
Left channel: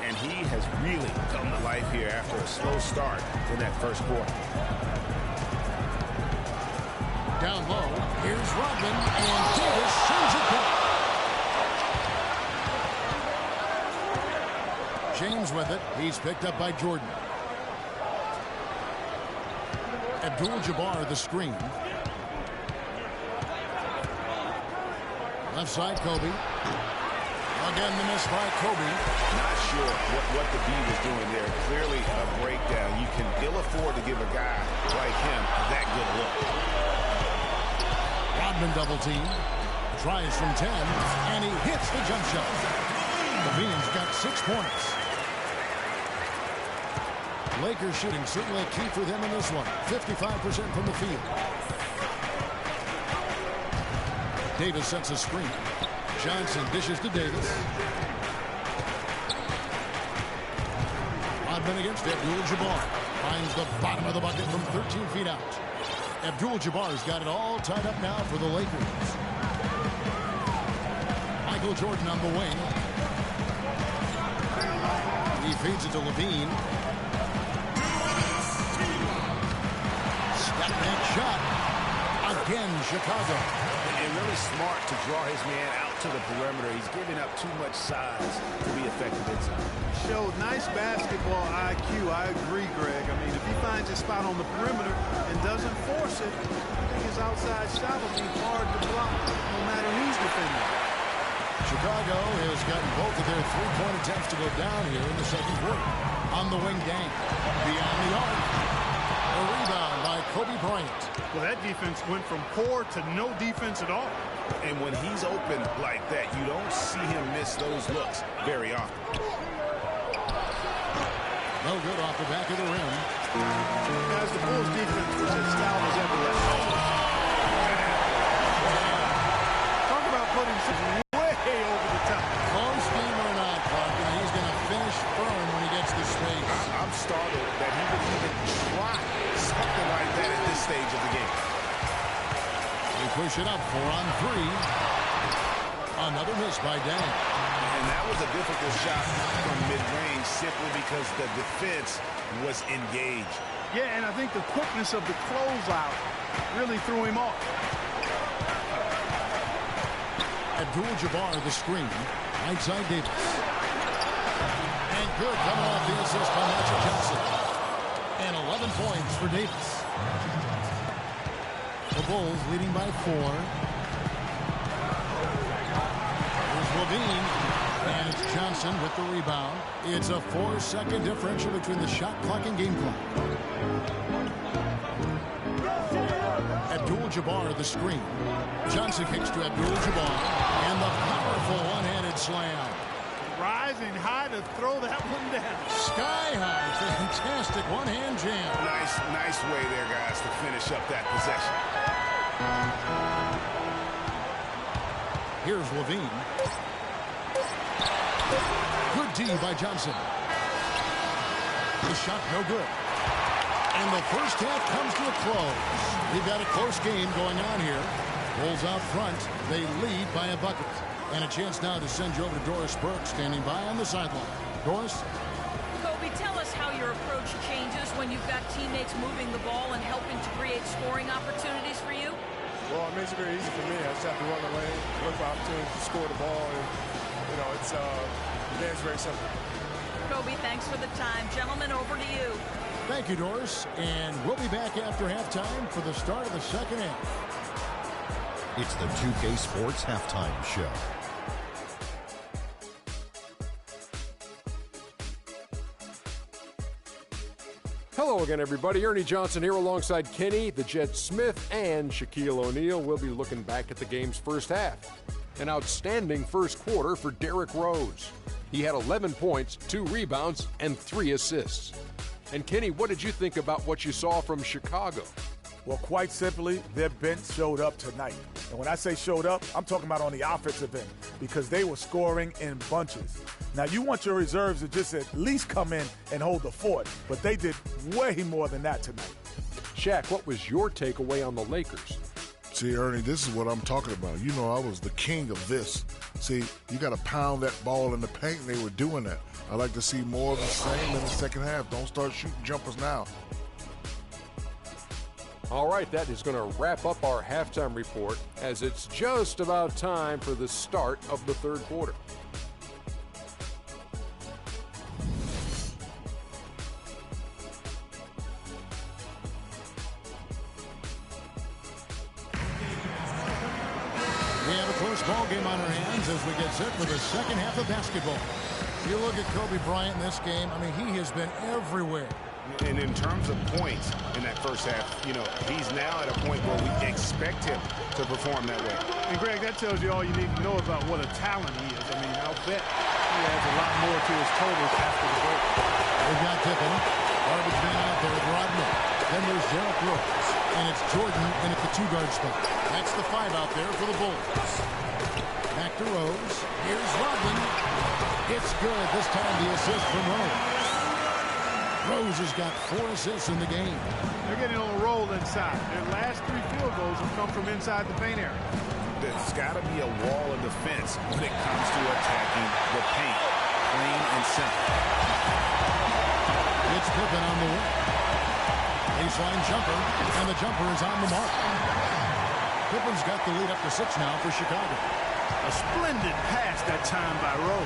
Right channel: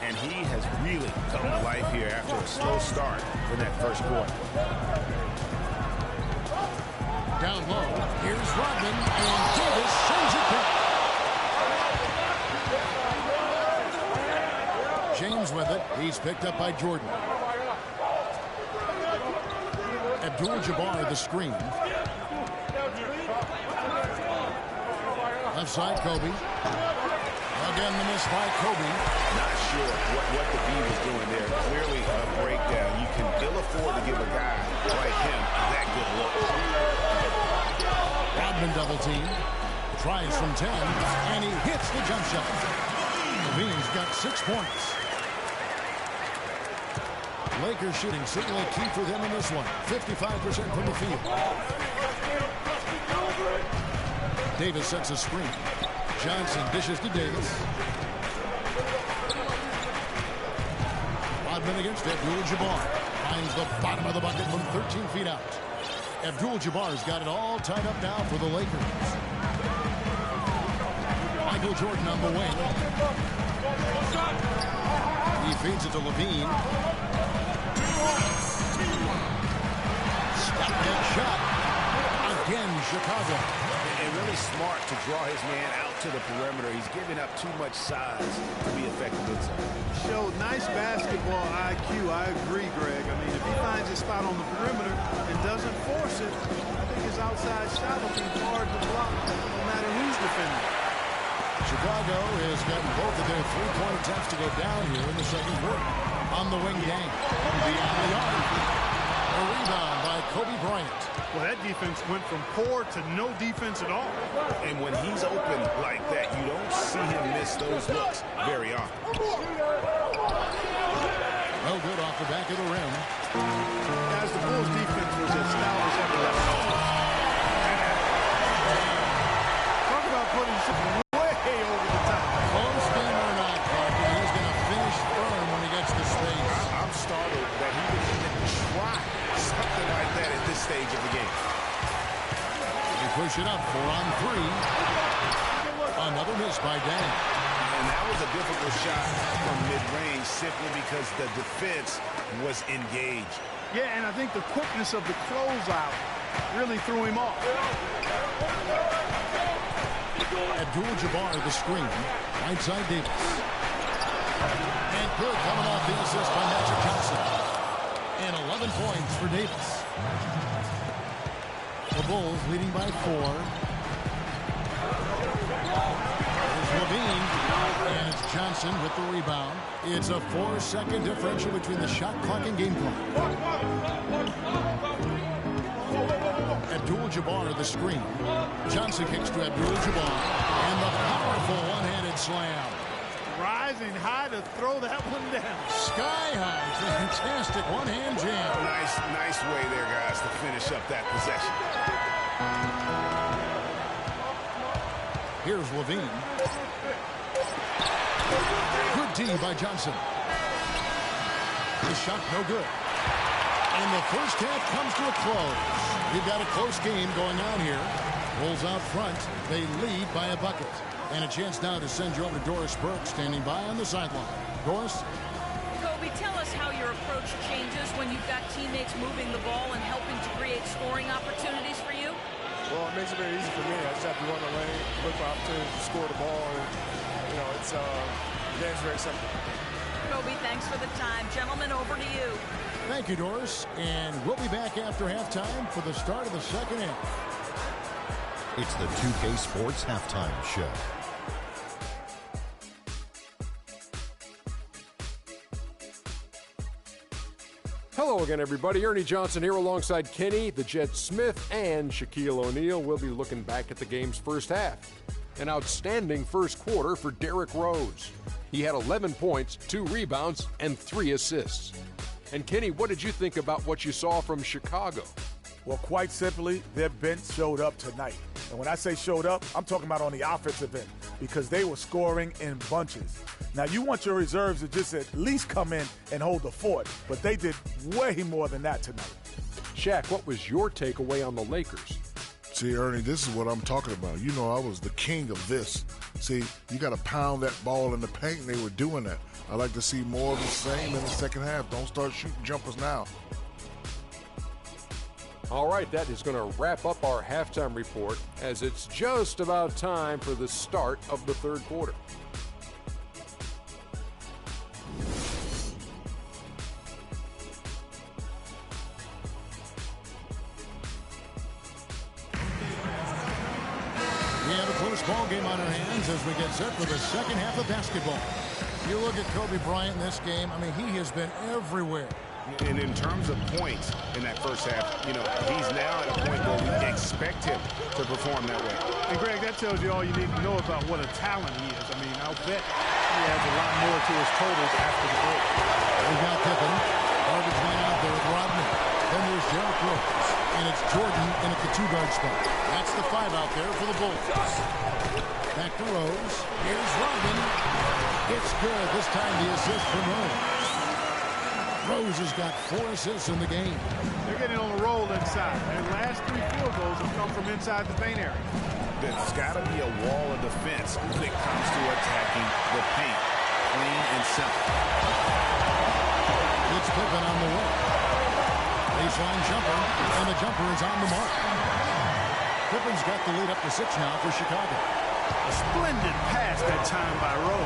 And he has really come to life here after a slow start in that first quarter. Down low, here's Rodman, and Davis sends it back. James with it. He's picked up by Jordan. Abdul-Jabbar the screen. Left side, Kobe. Again, the miss by Kobe. Not sure what the B was doing there. Clearly a breakdown. You can ill afford to give a guy like him that good look. Rodman double team. Tries from 10, and he hits the jump shot. Levine's got 6 points. Lakers shooting certainly key for them in this one. 55% from the field. Davis sets a screen. Johnson dishes to Davis. Rodman against Abdul-Jabbar. Finds the bottom of the bucket from 13 feet out. Abdul-Jabbar's got it all tied up now for the Lakers. Michael Jordan on the wing. He feeds it to Levine. Step back shot. Again, Chicago. And really smart to draw his man out to the perimeter. He's giving up too much size to be effective inside. Showed nice basketball IQ. I agree, Greg. I mean, if he finds his spot on the perimeter and doesn't force it, I think his outside shot will be hard to block no matter who's defending. Chicago has gotten both of their three-point attempts to go down here in the second quarter. On the wing, Dang. Beyond the arc. A rebound by Kobe Bryant. Well, that defense went from poor to no defense at all. And when he's open like that, you don't see him miss those looks very often. No good off the back of the rim. Guys, honest, the Bulls defense was as stout as ever left. Talk about putting something way over the top. Close game or not, Clark, he's going to finish firm when he gets the space. I'm startled that he would even try something like that at this stage of the game. They push it up 4 on 3. Another miss by Deng. And that was a difficult shot from mid-range simply because the defense was engaged. Yeah, and I think the quickness of the closeout really threw him off. Abdul-Jabbar the screen. Right side Davis. And good coming off the assist by Magic Johnson. And 11 points for Davis. The Bulls leading by 4. Here's Levine. And it's Johnson with the rebound. It's a 4-second differential between the shot clock and game clock. Abdul-Jabbar the screen. Johnson kicks to Abdul-Jabbar. And the powerful one-handed slam. Rising high to throw that one down. Sky high. Fantastic one-hand jam. Nice way there, guys, to finish up that possession. Here's Levine. Good D by Johnson. The shot no good. And the first half comes to a close. We've got a close game going on here. Bulls out front. They lead by a bucket. And a chance now to send you over to Doris Burke, standing by on the sideline. Doris? Kobe, tell us how your approach changes when you've got teammates moving the ball and helping to create scoring opportunities for you. Well, it makes it very easy for me. I just have to run the lane, look for opportunities to score the ball, and, it's the game's very simple. Kobe, thanks for the time. Gentlemen, over to you. Thank you, Doris. And we'll be back after halftime for the start of the second half. It's the 2K Sports Halftime Show. Hello again, everybody. Ernie Johnson here alongside Kenny, the Jet Smith, and Shaquille O'Neal. We'll be looking back at the game's first half. An outstanding first quarter for Derrick Rose. He had 11 points, 2 rebounds, and 3 assists. And Kenny, what did you think about what you saw from Chicago? Well, quite simply, their bench showed up tonight. And when I say showed up, I'm talking about on the offensive end because they were scoring in bunches. Now, you want your reserves to just at least come in and hold the fort, but they did way more than that tonight. Shaq, what was your takeaway on the Lakers? See, Ernie, this is what I'm talking about. You know, I was the king of this. See, you got to pound that ball in the paint, and they were doing that. I like to see more of the same in the second half. Don't start shooting jumpers now. All right, that is going to wrap up our halftime report as it's just about time for the start of the third quarter. We have a close ball game on our hands as we get set for the second half of basketball. You look at Kobe Bryant in this game, I mean, he has been everywhere. And in terms of points in that first half, he's now at a point where we expect him to perform that way. And, Greg, that tells you all you need to know about what a talent he is. I mean, I'll bet he adds a lot more to his totals after the break. They've got Pippen, garbage man out there with Rodman. Then there's Derrick Rose, and it's Jordan in at the 2-guard spot. That's the 5 out there for the Bulls. Back to Rose. Here's Rodman. It's good. This time the assist from Rose. Rose has got 4 assists in the game. They're getting on a roll inside. Their last 3 field goals have come from inside the paint area. There's got to be a wall of defense when it comes to attacking the paint. Plain and simple. It's Pippen on the wing. Baseline jumper, and the jumper is on the mark. Pippen's got the lead up to 6 now for Chicago. A splendid pass that time by Rose.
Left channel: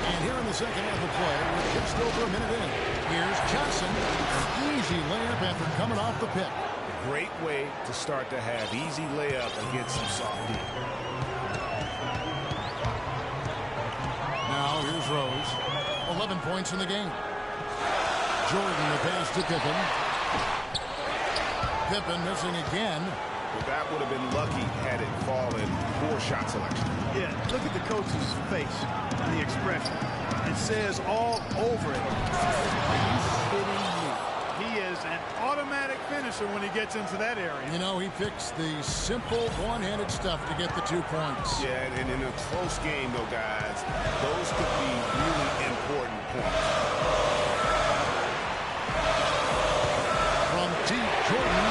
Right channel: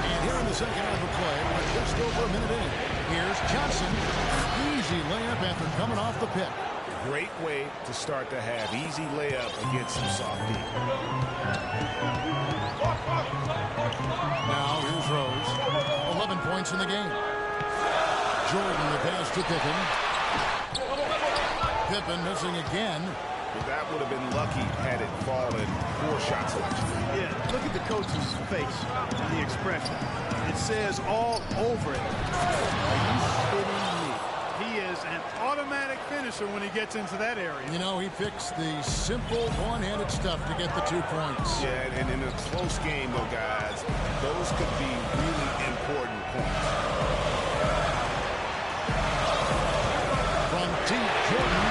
And here in the second half of play, we're just over a minute in. Here's Johnson, an easy layup after coming off the pick. Great way to start the half. Easy layup against some soft D. Now here's Rose. 11 points in the game. Jordan the pass to Pippen. Pippen missing again. But that would have been lucky had it fallen. Poor shot selection. Yeah, look at the coach's face and the expression. It says all over it. Are you kidding me? He is an automatic finisher when he gets into that area. You know, he picks the simple one-handed stuff to get the 2 points. Yeah, and in a close game, though, guys, those could be really important points. From T. Jordan,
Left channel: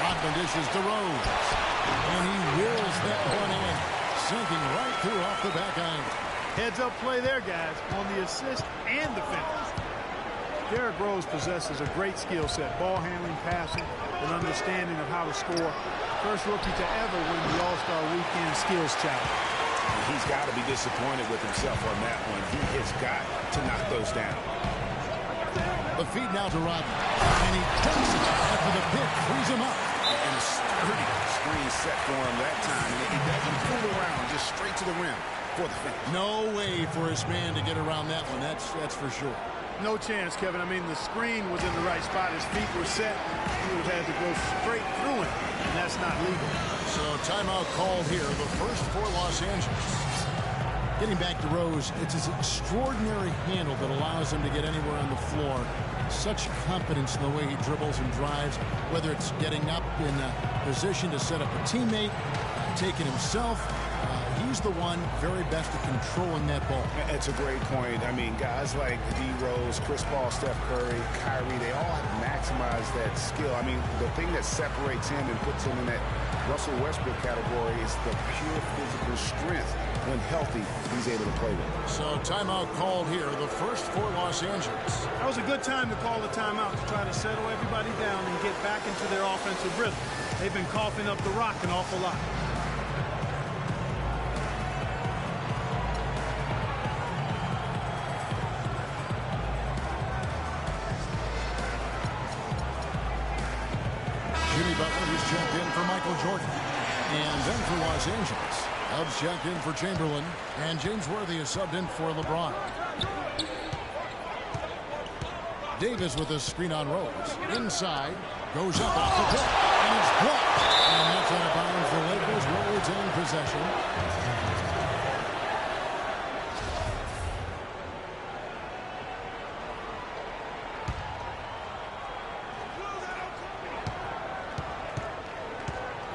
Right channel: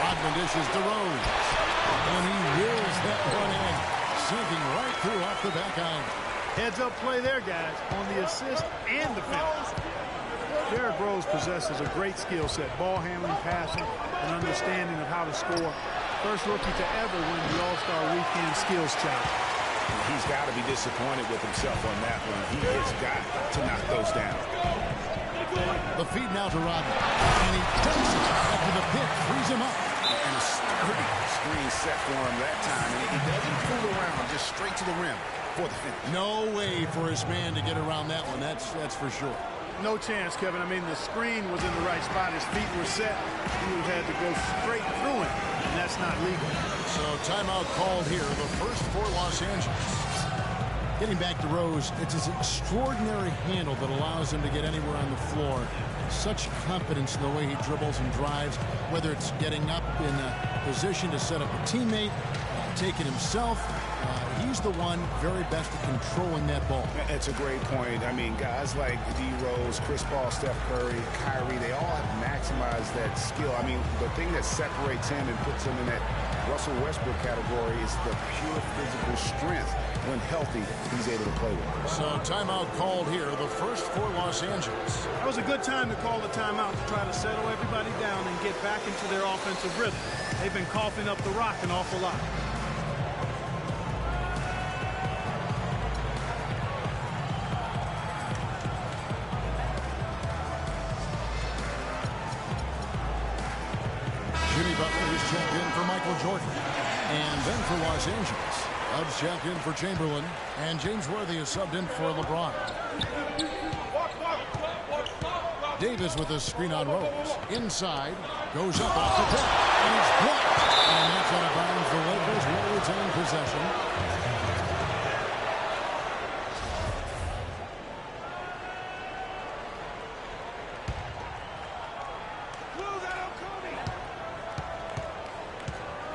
Rodman dishes to Rose, and he wills that one in, sinking right through off the back iron. Heads-up play there, guys, on the assist and the finish. Derrick Rose possesses a great skill set, ball handling, passing, and understanding of how to score. First rookie to ever win the All-Star Weekend Skills Challenge. He's got to be disappointed with himself on that one. He has got to knock those down. The feed now to Rodman, and he takes it after the pick frees him up. And a sturdy screen set for him that time, and he doesn't fool around, just straight to the rim for the finish. No way for his man to get around that one, that's for sure. No chance, Kevin. I mean, the screen was in the right spot. His feet were set. He would have had to go straight through him, and that's not legal. So timeout called here, the first for Los Angeles. Getting back to Rose, it's his extraordinary handle that allows him to get anywhere on the floor. Such confidence in the way he dribbles and drives, whether it's getting up in a position to set up a teammate, taking himself. He's the one very best at controlling that ball. It's a great point. I mean, guys like D. Rose, Chris Paul, Steph Curry, Kyrie, they all have maximized that skill. I mean, the thing that separates him and puts him in that Russell Westbrook category is the pure physical strength. When healthy, he's able to play with it. So timeout called here, the first for Los Angeles. That was a good time to call the timeout to try to settle everybody down and get back into their offensive rhythm. They've been coughing up the rock an awful lot. Jimmy Butler is checked in for Michael Jordan. And then for Los Angeles, Dubs checked in for Chamberlain. And James Worthy is subbed in for LeBron. Davis with a screen on Rose. Inside, goes up off the tip, and it's blocked. And that's out of bounds. The Lakers will retain possession.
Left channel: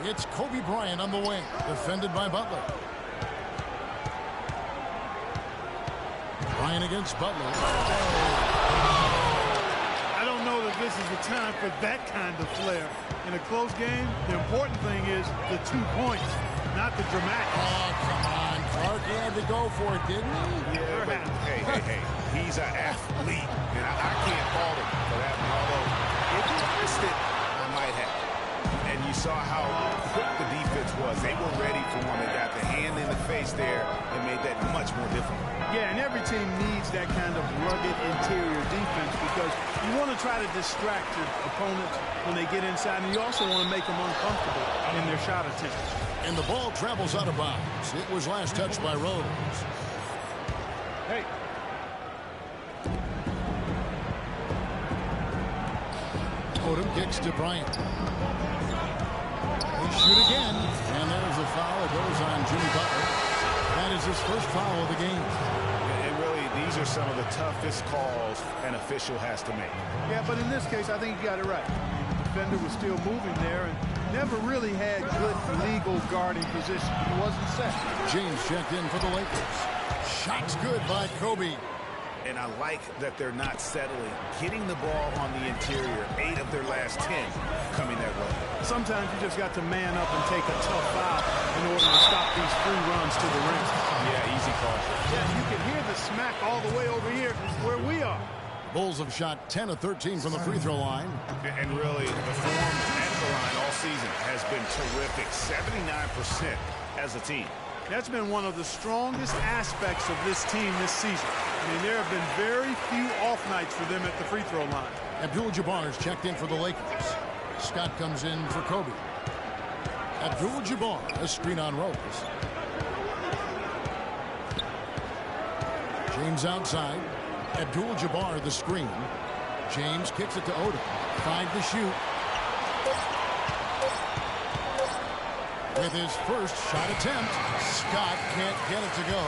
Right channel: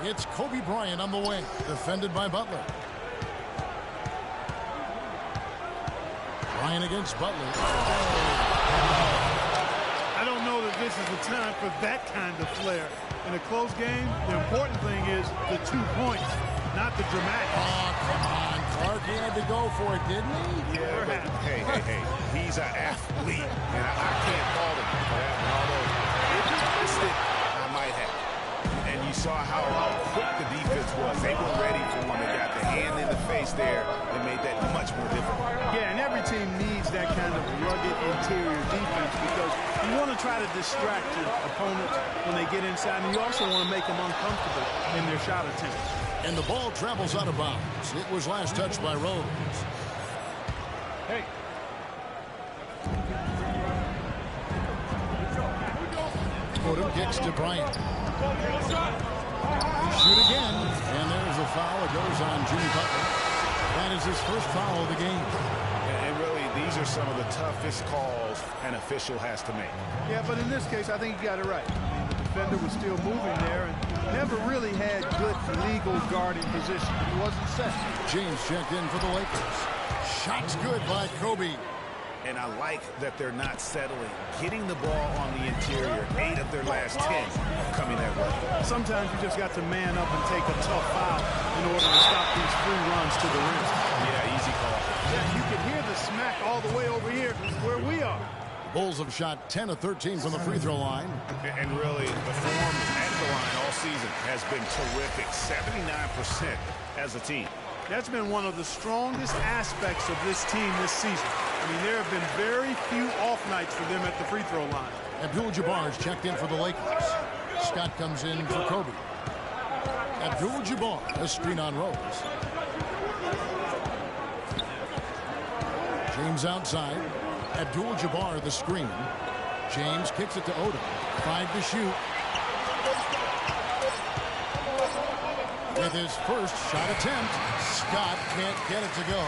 It's Kobe Bryant on the wing, defended by Butler. Bryant against Butler. I don't know that this is the time for that kind of flair. In a close game, the important thing is the 2 points, not the dramatic. Oh, come on, Clark. He had to go for it, didn't he? Yeah, but hey. He's an athlete, and I can't fault him for that one. Although, if he missed it, I might have. And you saw how quick the defense was. They were ready for one. They got the hand in the face there and made that much more difficult. Yeah, and every team needs that kind of rugged interior defense because you want to try to distract your opponents when they get inside, and you also want to make them uncomfortable in their shot attempts. And the ball travels out of bounds. It was last touched by Rose. Hey. Odom kicks to Bryant. They shoot again, and there's a foul. It goes on Jimmy Butler. That is his first foul of the game. And really, these are some of the toughest calls an official has to make. Yeah, but in this case, I think he got it right. I mean, the defender was still moving there and never really had good legal guarding position. He wasn't set. James checked in for the Lakers. Shots good by Kobe. And I like that they're not settling. Getting the ball on the interior, 8 of their last 10 coming that way. Sometimes you just got to man up and take a tough foul in order to stop these free runs to the rim. Yeah, easy call. Yeah, you can hear the smack all the way over here where we are. The Bulls have shot 10 of 13 from the free throw line. And really, the form at the line all season has been terrific. 79% as a team. That's been one of the strongest aspects of this team this season. I mean, there have been very few off nights for them at the free throw line. Abdul-Jabbar is checked in for the Lakers. Scott comes in for Kobe. Abdul-Jabbar, a screen on Rose. James outside. Abdul-Jabbar the screen. James kicks it to Odom. 5 to shoot. With his first shot attempt, Scott can't get it to go.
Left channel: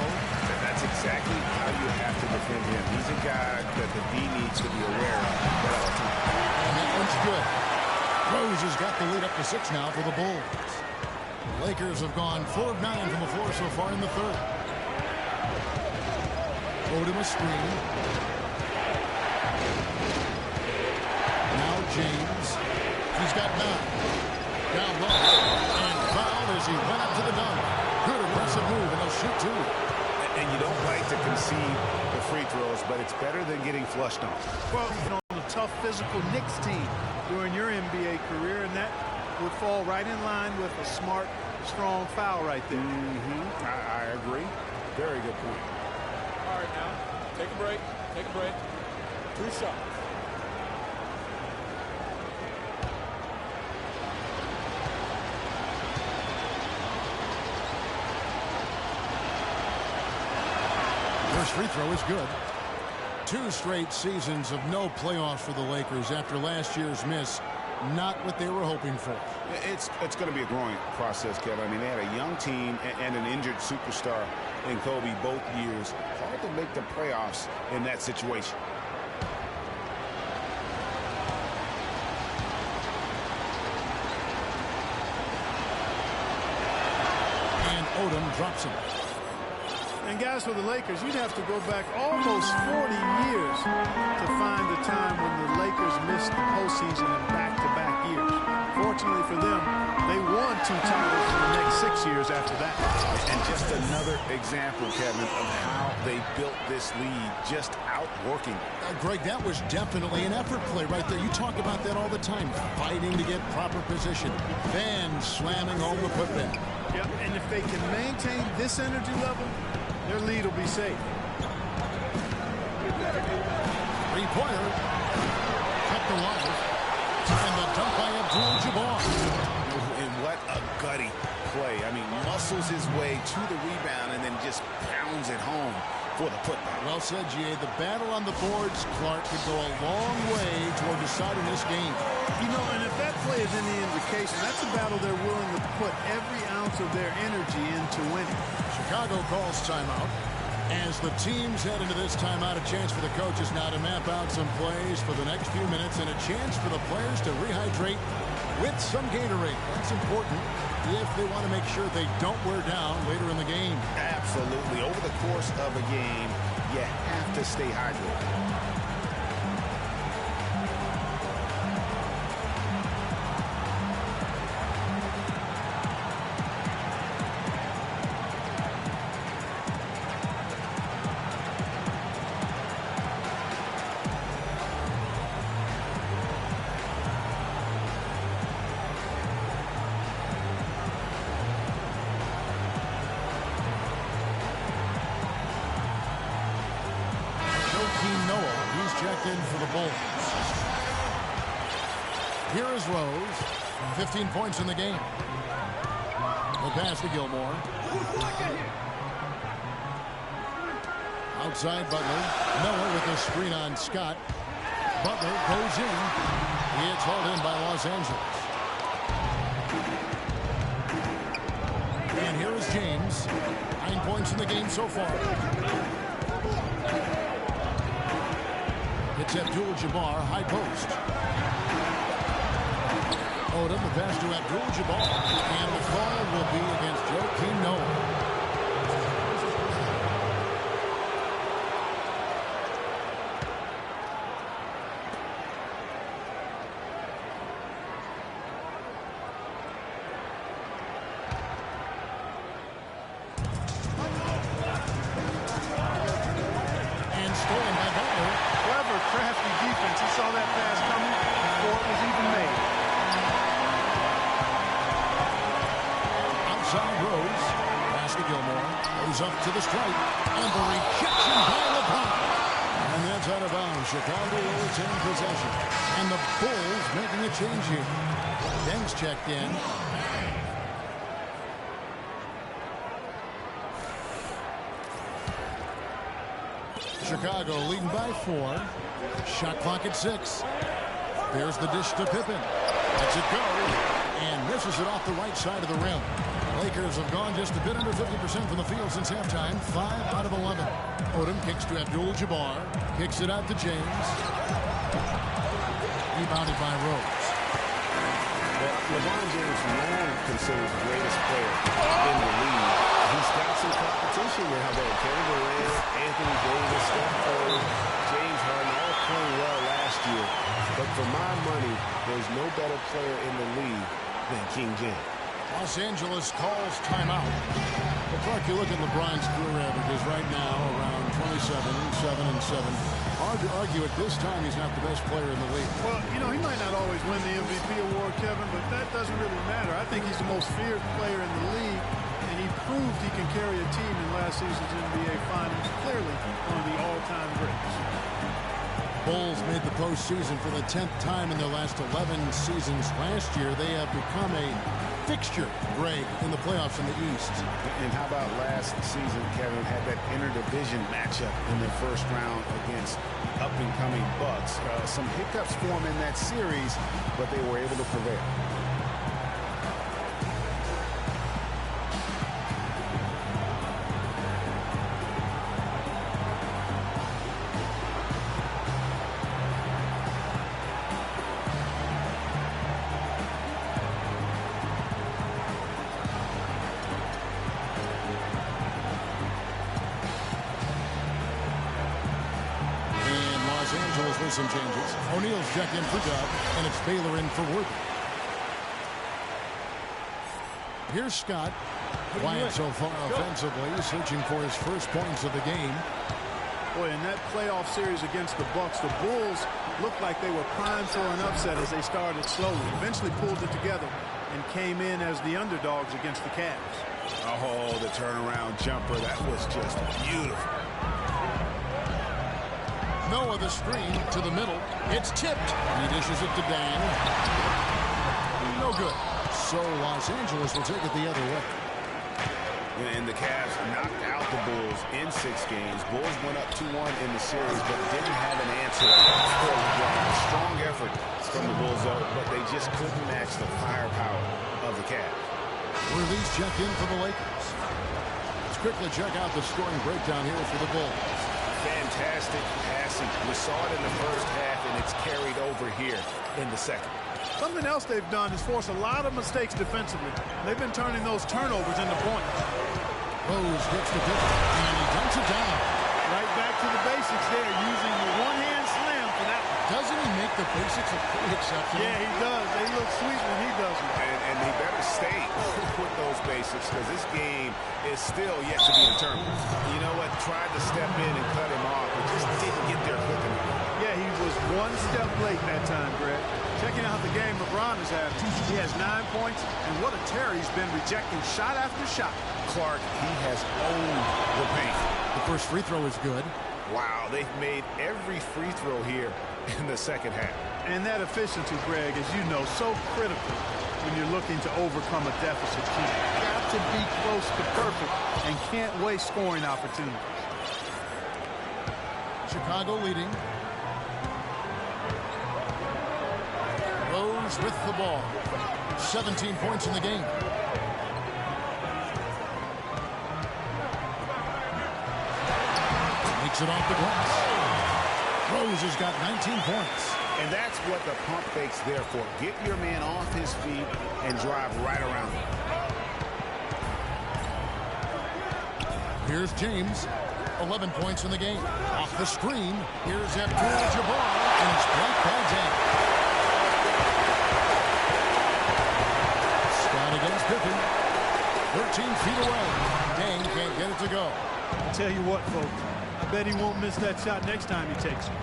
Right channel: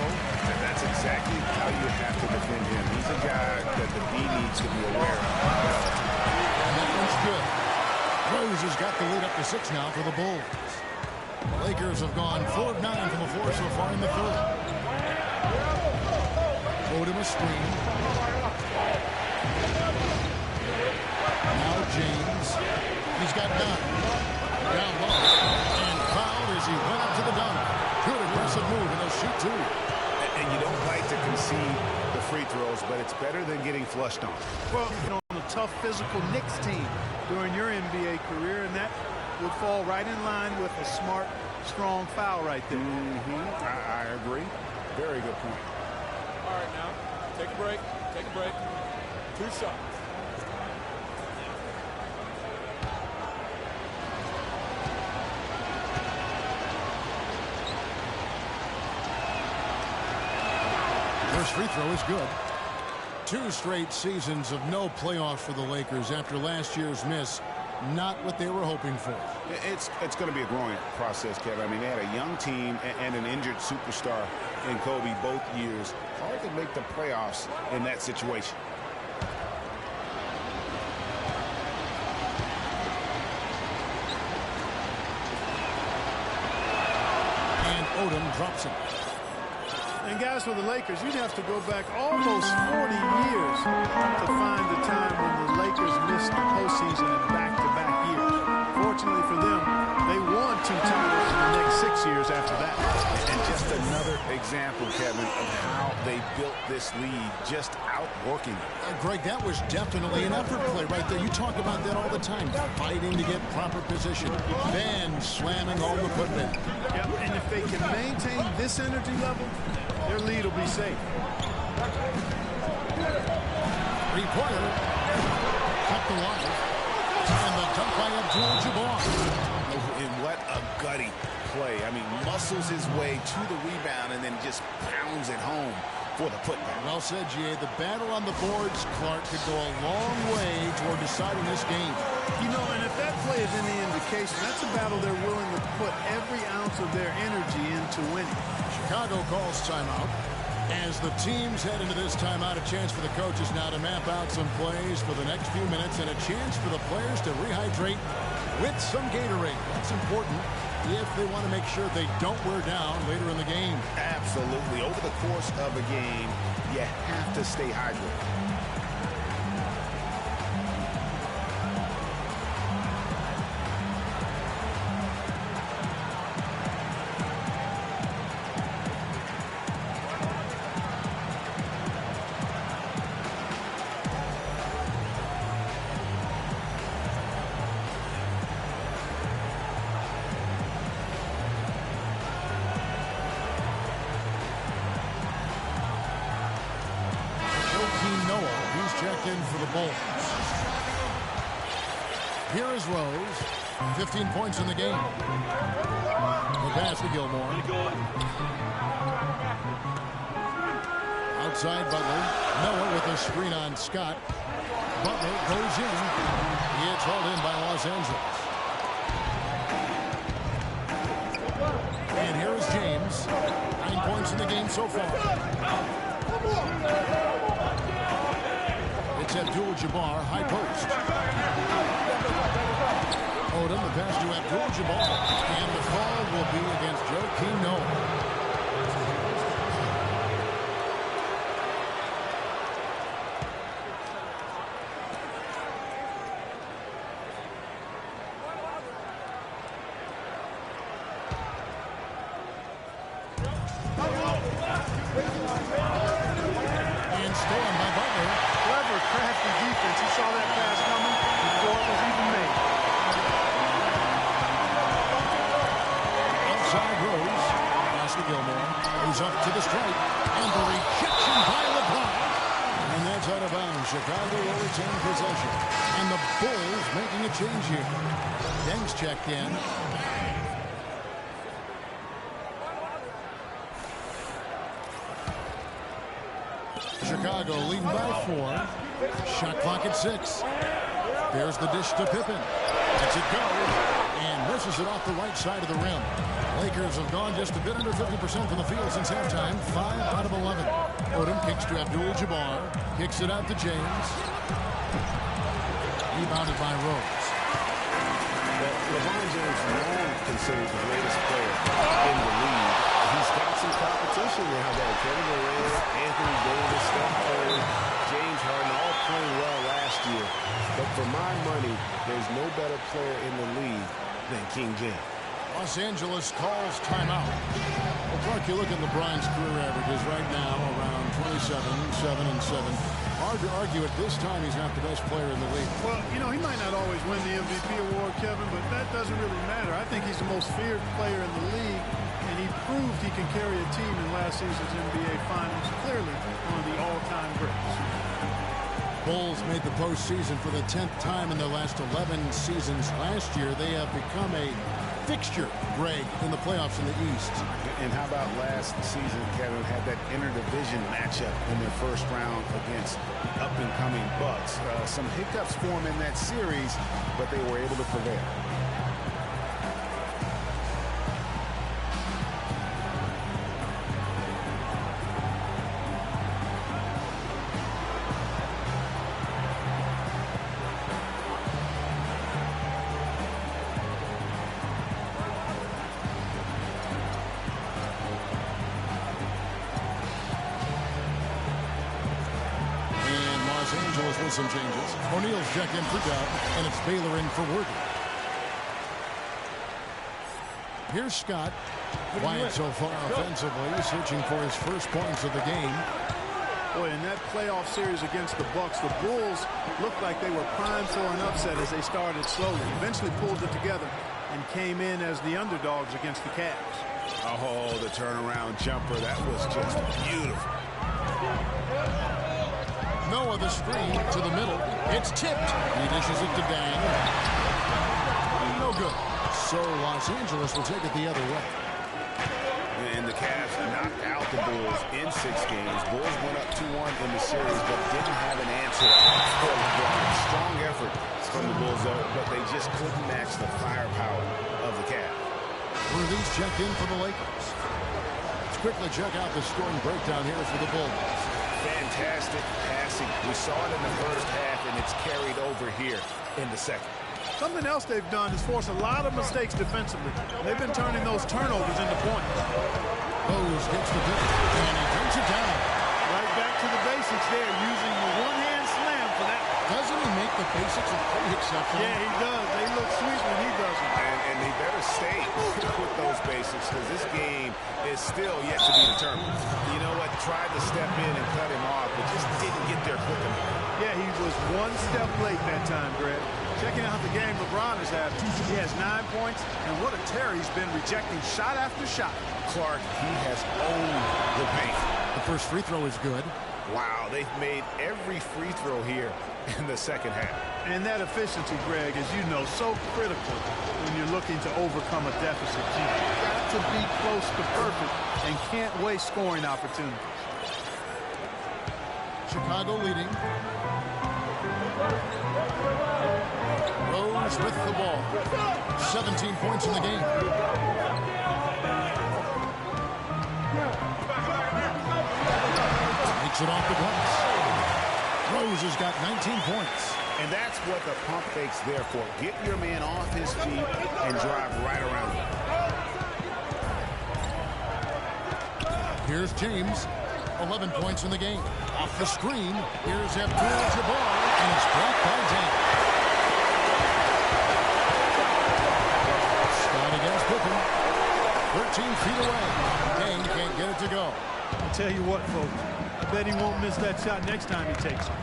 That's exactly how you have to defend him. He's a guy that the D needs to be aware of at all times. And that one's good. Rose has got the lead up to 6 now for the Bulls. Lakers have gone 4 of 9 from the floor so far in the third. Odom a screen. Now James. He's got 9. Down low. And fouled as he went up to the dunk. Good aggressive move, and he'll shoot 2. And you don't like to concede the free throws, but it's better than getting flushed on. Well, on a tough physical Knicks team during your NBA career, and that would fall right in line with a smart, strong foul right there. I agree. Very good point. All right, now, take a break. Take a break. 2 shots. First free throw is good. 2 straight seasons of no playoffs for the Lakers after last year's miss. Not what they were hoping for. It's going to be a growing process, Kevin. I mean, they had a young team and an injured superstar in Kobe both years. Hard to make the playoffs in that situation. And Odom drops him. And guys, for the Lakers, you'd have to go back almost 40 years to find the time when the Lakers missed the postseason in back-to-back years. Fortunately for them, they won 2 titles in the next 6 years after that. And just another example, Kevin, of how they built this lead, just outworking it. Greg, that was definitely an effort play right there. You talk about that all the time, fighting to get proper position, then slamming home the putback. Yep, and if they can maintain this energy level, their lead will be safe. Three-pointer kept alive. And the dunk by Abdul-Jabbar. And what a gutty play. I mean, muscles his way to the rebound and then just pounds it home for the putback. Well said, G.A. The battle on the boards, Clark, could go a long way toward deciding this game. You know, and if that play is any indication, that's a battle they're willing to put every ounce of their energy into winning. Chicago calls timeout. As the teams head into this timeout, a chance for the coaches now to map out some plays for the next few minutes and a chance for the players to rehydrate with some Gatorade. That's important if they want to make sure they don't wear down later in the game. Absolutely. Over the course of a game, you have to stay hydrated. For the Bulls. Here is Rose. 15 points in the game. The pass to Gilmore. Outside Butler. Noah with a screen on Scott. Butler goes in. It's hauled in by Los Angeles. And here is James. 9 points in the game so far. It's Abdul-Jabbar, high post. Odom, the pass to Abdul-Jabbar. And the call will be against Joakim Noah. And stolen by Butler. Clever, crafty defense. He saw that pass coming before it was even made. Outside Rose. Pass to Gilmore. Goes up to the stripe. And the rejection by LeBron. And that's out of bounds. Chicago will retain possession. And the Bulls making a change here. Deng's checked in. Chicago leading by 4. Shot clock at 6. There's the dish to Pippen. Lets it go. And misses it off the right side of the rim. Lakers have gone just a bit under 50% from the field since halftime. 5 out of 11. Odom kicks to Abdul-Jabbar. Kicks it out to James. Rebounded by Rose. Well, LeBron James long considered the greatest player in the league. He's got some competition now, though. Kevin Durant, Anthony Davis, Steph Curry, James Harden all playing well last year. But for my money, there's no better player in the league than King James. Los Angeles calls timeout. Well, Clark, you look at LeBron's career averages right now, around 27, 7 and 7. Hard to argue at this time he's not the best player in the league. Well, you know, he might not always win the MVP award, Kevin, but that doesn't really matter. I think he's the most feared player in the league, and he proved he can carry a team in last season's NBA Finals. Clearly one of the all-time greats. Bulls made the postseason for the 10th time in their last 11 seasons. Last year, they have become a fixture, Greg, in the playoffs in the East. And how about last season, Kevin, had that interdivision matchup in their first round against the up-and-coming Bucks. Some hiccups for them in that series, but they were able to prevail. Some changes. O'Neal's checked in for Dub, and it's Baylor in for Worthy. Here's Scott. Quiet so far offensively, searching for his first points of the game. Boy, in that playoff series against the Bucks, the Bulls looked like they were primed for an upset as they started slowly. Eventually pulled it together and came in as the underdogs against the Cavs. Oh, the turnaround jumper. That was just beautiful. Noah the screen to the middle. It's tipped. He dishes it to Dang. No good. So Los Angeles will take it the other way. And the Cavs knocked out the Bulls in 6 games. Bulls went up 2-1 in the series, but didn't have an answer for LeBron. Strong effort from the Bulls, though, but they just couldn't match the firepower of the Cavs. Release check in for the Lakers. Let's quickly check out the scoring breakdown here for the Bulls. Fantastic passing. We saw it in the first half, and it's carried over here in the second. Something else they've done is force a lot of mistakes defensively. They've been turning those turnovers into points. Rose gets the pick, and he dunks it down. Right back to the basics there, using the one-hand slam for that one. Doesn't he make the basics look pretty exceptional? Yeah, he does. They look sweet when he does them. And they better stay with those basics, because this game is still yet to be determined. You know what? Tried to step in and cut him off, but just didn't get there quick enough. Yeah, he was one step late that time, Greg. Checking out the game LeBron is having. He has 9 points, and what a tear he's been, rejecting shot after shot. Clark, he has owned the paint. The first free throw is good. Wow, they've made every free throw here in the second half. And that efficiency, Greg, as you know, so critical when you're looking to overcome a deficit. You've got to be close to perfect and can't waste scoring opportunities. Chicago leading. Rose with the ball. 17 points in the game. Takes it off the glass. Rose has got 19 points. And that's what the pump fake's there for. Get your man off his feet and drive right around him. Here's James. 11 points in the game. Off the screen. Here's Abdul-Jabbar, and it's blocked by Dang. Scott against Pippen. 13 feet away. Dang can't get it to go. I tell you what, folks. I bet he won't miss that shot next time he takes it.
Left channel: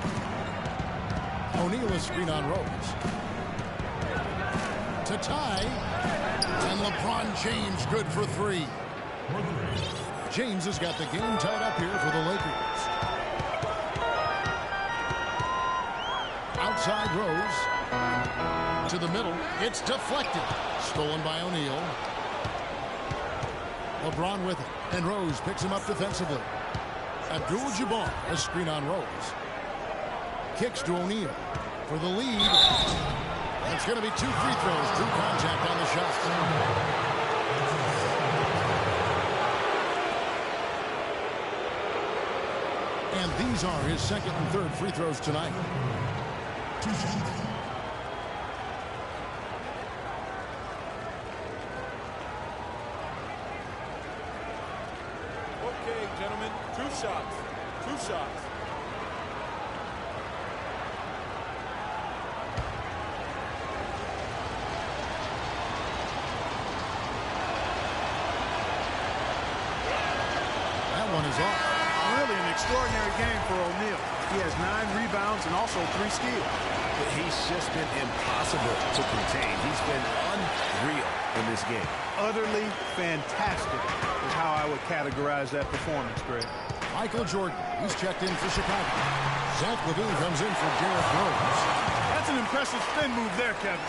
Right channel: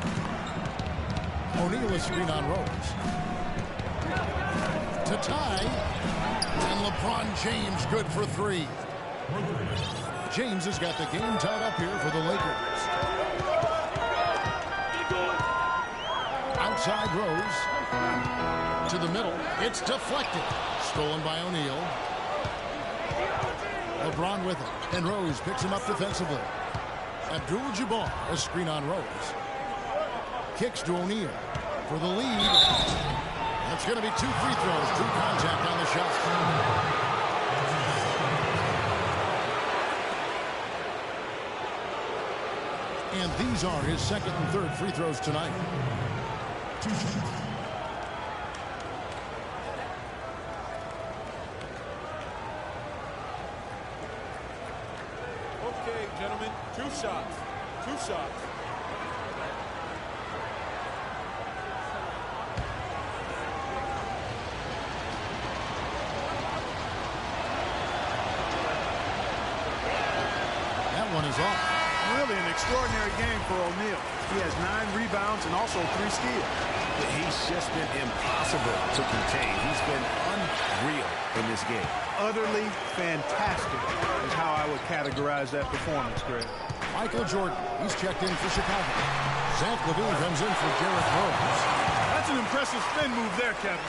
O'Neal is screen on Rose. To tie. And LeBron James good for 3. James has got the game tied up here for the Lakers. Outside Rose. To the middle. It's deflected. Stolen by O'Neal. LeBron with it. And Rose picks him up defensively. Abdul-Jabbar, a screen on Rose. Kicks to O'Neal for the lead. That's going to be 2 free throws. True contact on the shot. And these are his second and third free throws tonight. 2 shots. Okay, gentlemen, 2 shots. 2 shots. That one is off. Really an extraordinary game for O'Neal. He has 9 rebounds and also 3 steals. But he's just been impossible to contain. He's been unreal in this game. Utterly fantastic is how I would categorize that performance, Greg. Michael Jordan, he's checked in for Chicago. Zach LaVine comes in for Derrick Rose. That's an impressive spin move there, Kevin.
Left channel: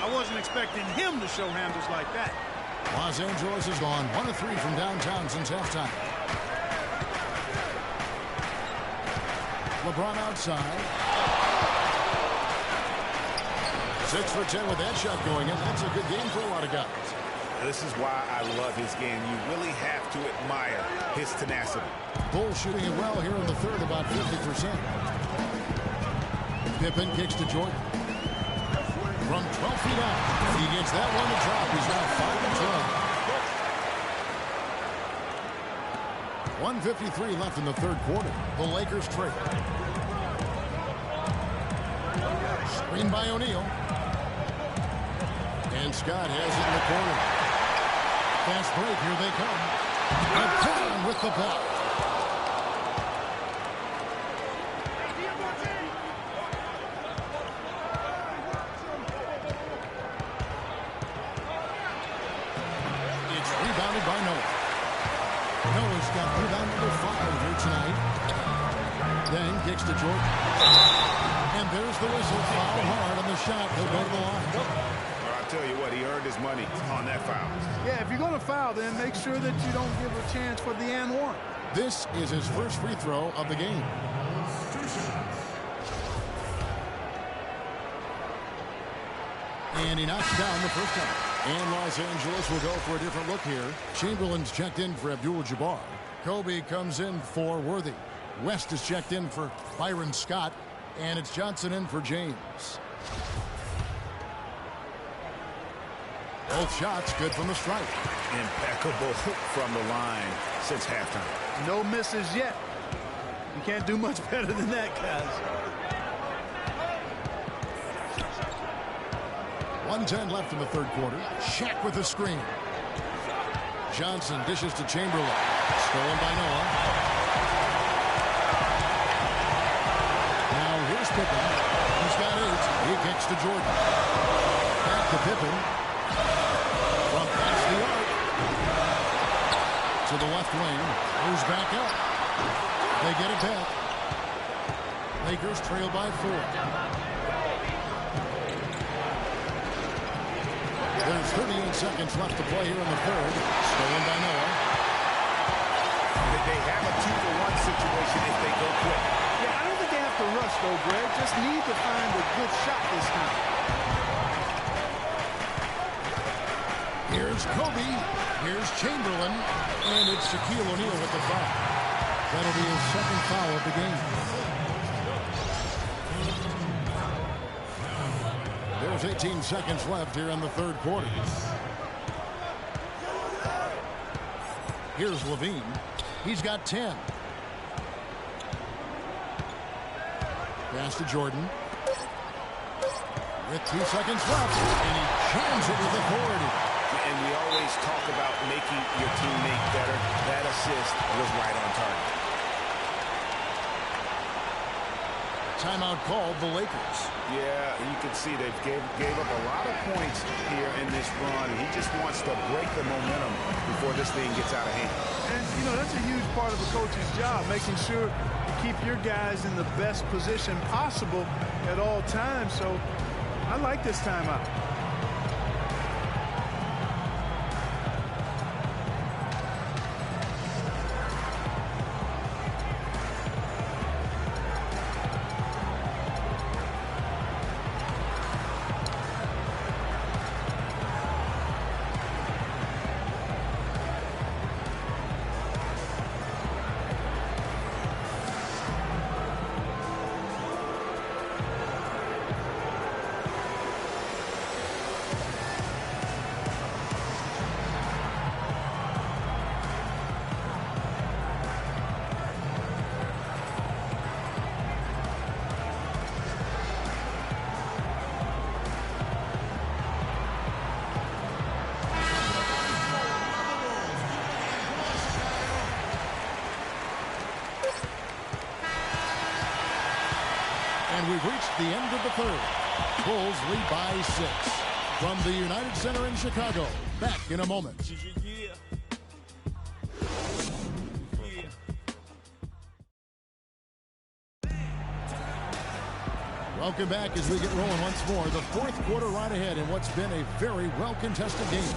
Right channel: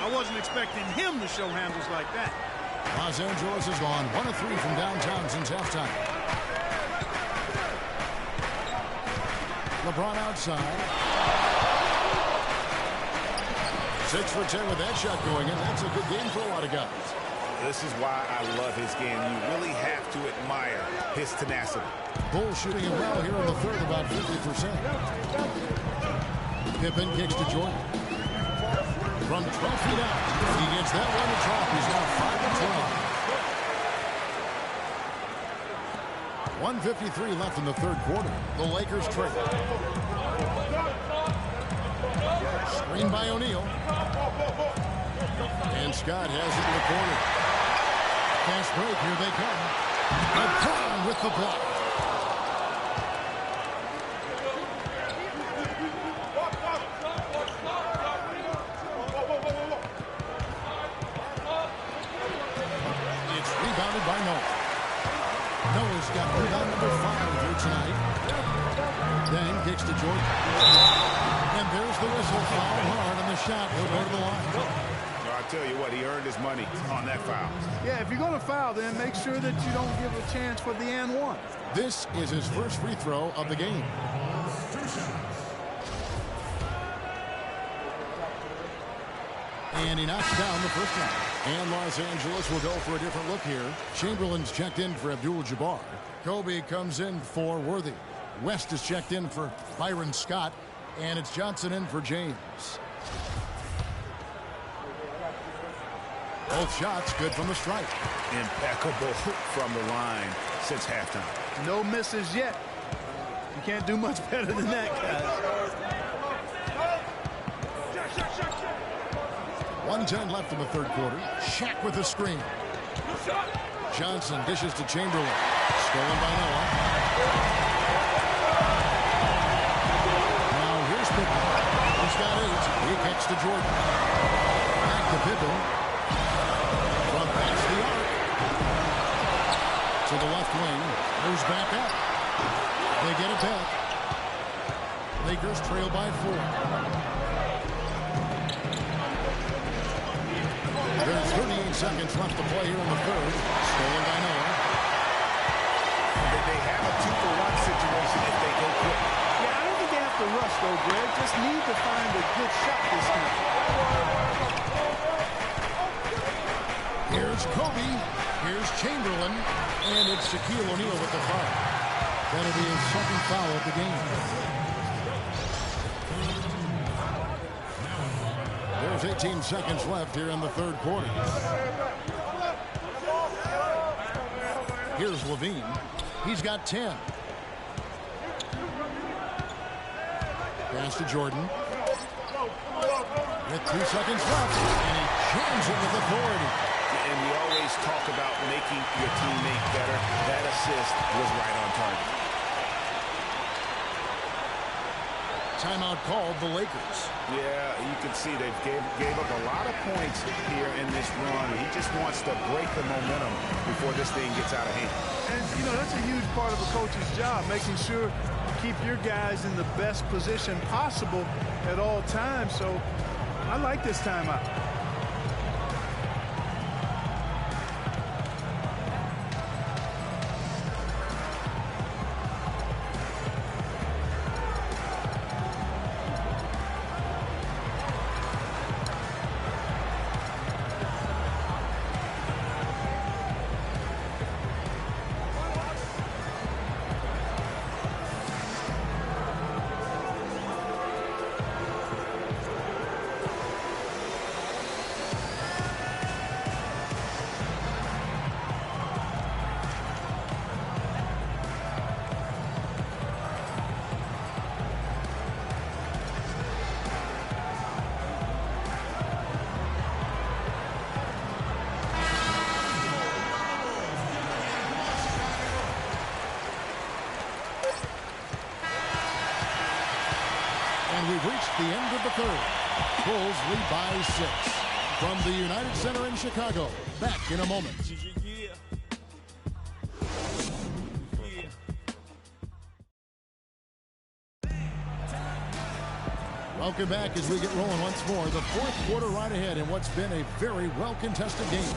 I wasn't expecting him to show handles like that. Los Angeles has gone 1 of 3 from downtown since halftime. LeBron outside. 6 for 10 with that shot going in. That's a good game for a lot of guys. This is why I love his game. You really have to admire his tenacity. Bulls shooting it well here in the third, about 50%. Pippen kicks to Jordan. From 12 feet out, he gets that one to drop. He's now 5 of 12. 1:53 left in the third quarter. The Lakers trail. Screen by O'Neal. And Scott has it in the corner. Fast break, here they come. LeBron with the block. It's rebounded by Noah. Noah's got rebound number 5 here tonight. Then kicks to Jordan. And there's the whistle. Foul hard on the shot. He'll go to the line. I tell you what, he earned his money on that foul. Yeah, if you're going to foul, then make sure that you don't give a chance for the and one. This is his first free throw of the game. 2 shots. And he knocks down the first one. And Los Angeles will go for a different look here. Chamberlain's checked in for Abdul-Jabbar. Kobe comes in for Worthy. West is checked in for Byron Scott. And it's Johnson in for James. Both shots good from the stripe. Impeccable from the line since halftime. No misses yet. You can't do much better than that, guys. 1:10 left in the third quarter. Shaq with the screen. Johnson dishes to Chamberlain. Stolen by Noah. Now here's Pippen. He's got 8. He kicks to Jordan. Back to Pippen. From past the arc. To the left wing. Moves back up. They get it back. Lakers trail by 4. There's 38 seconds left to play here in the third. Stolen by Noah. They have a 2-for-1 situation if they go quick. Yeah, I don't think they have to rush, though, Greg. Just need to find a good shot this time. Here's Kobe. Here's Chamberlain. And it's Shaquille O'Neal with the foul. That'll be his second foul of the game. There's 18 seconds left here in the third quarter. Here's LaVine. He's got 10. Pass to Jordan. With 2 seconds left. And he jams it with authority. And we always talk about making your teammate better. That assist was right on target. Timeout called the Lakers. Yeah, you can see they've gave up a lot of points here in this run. And he just wants to break the momentum before this thing gets out of hand. And, you know, that's a huge part of a coach's job, making sure you keep your guys in the best position possible at all times. So I like this timeout. And we've reached the end of the third. Bulls lead by 6. From the United Center in Chicago, back in a moment. Welcome back as we get rolling once more. The fourth quarter right ahead in what's been a very well-contested game.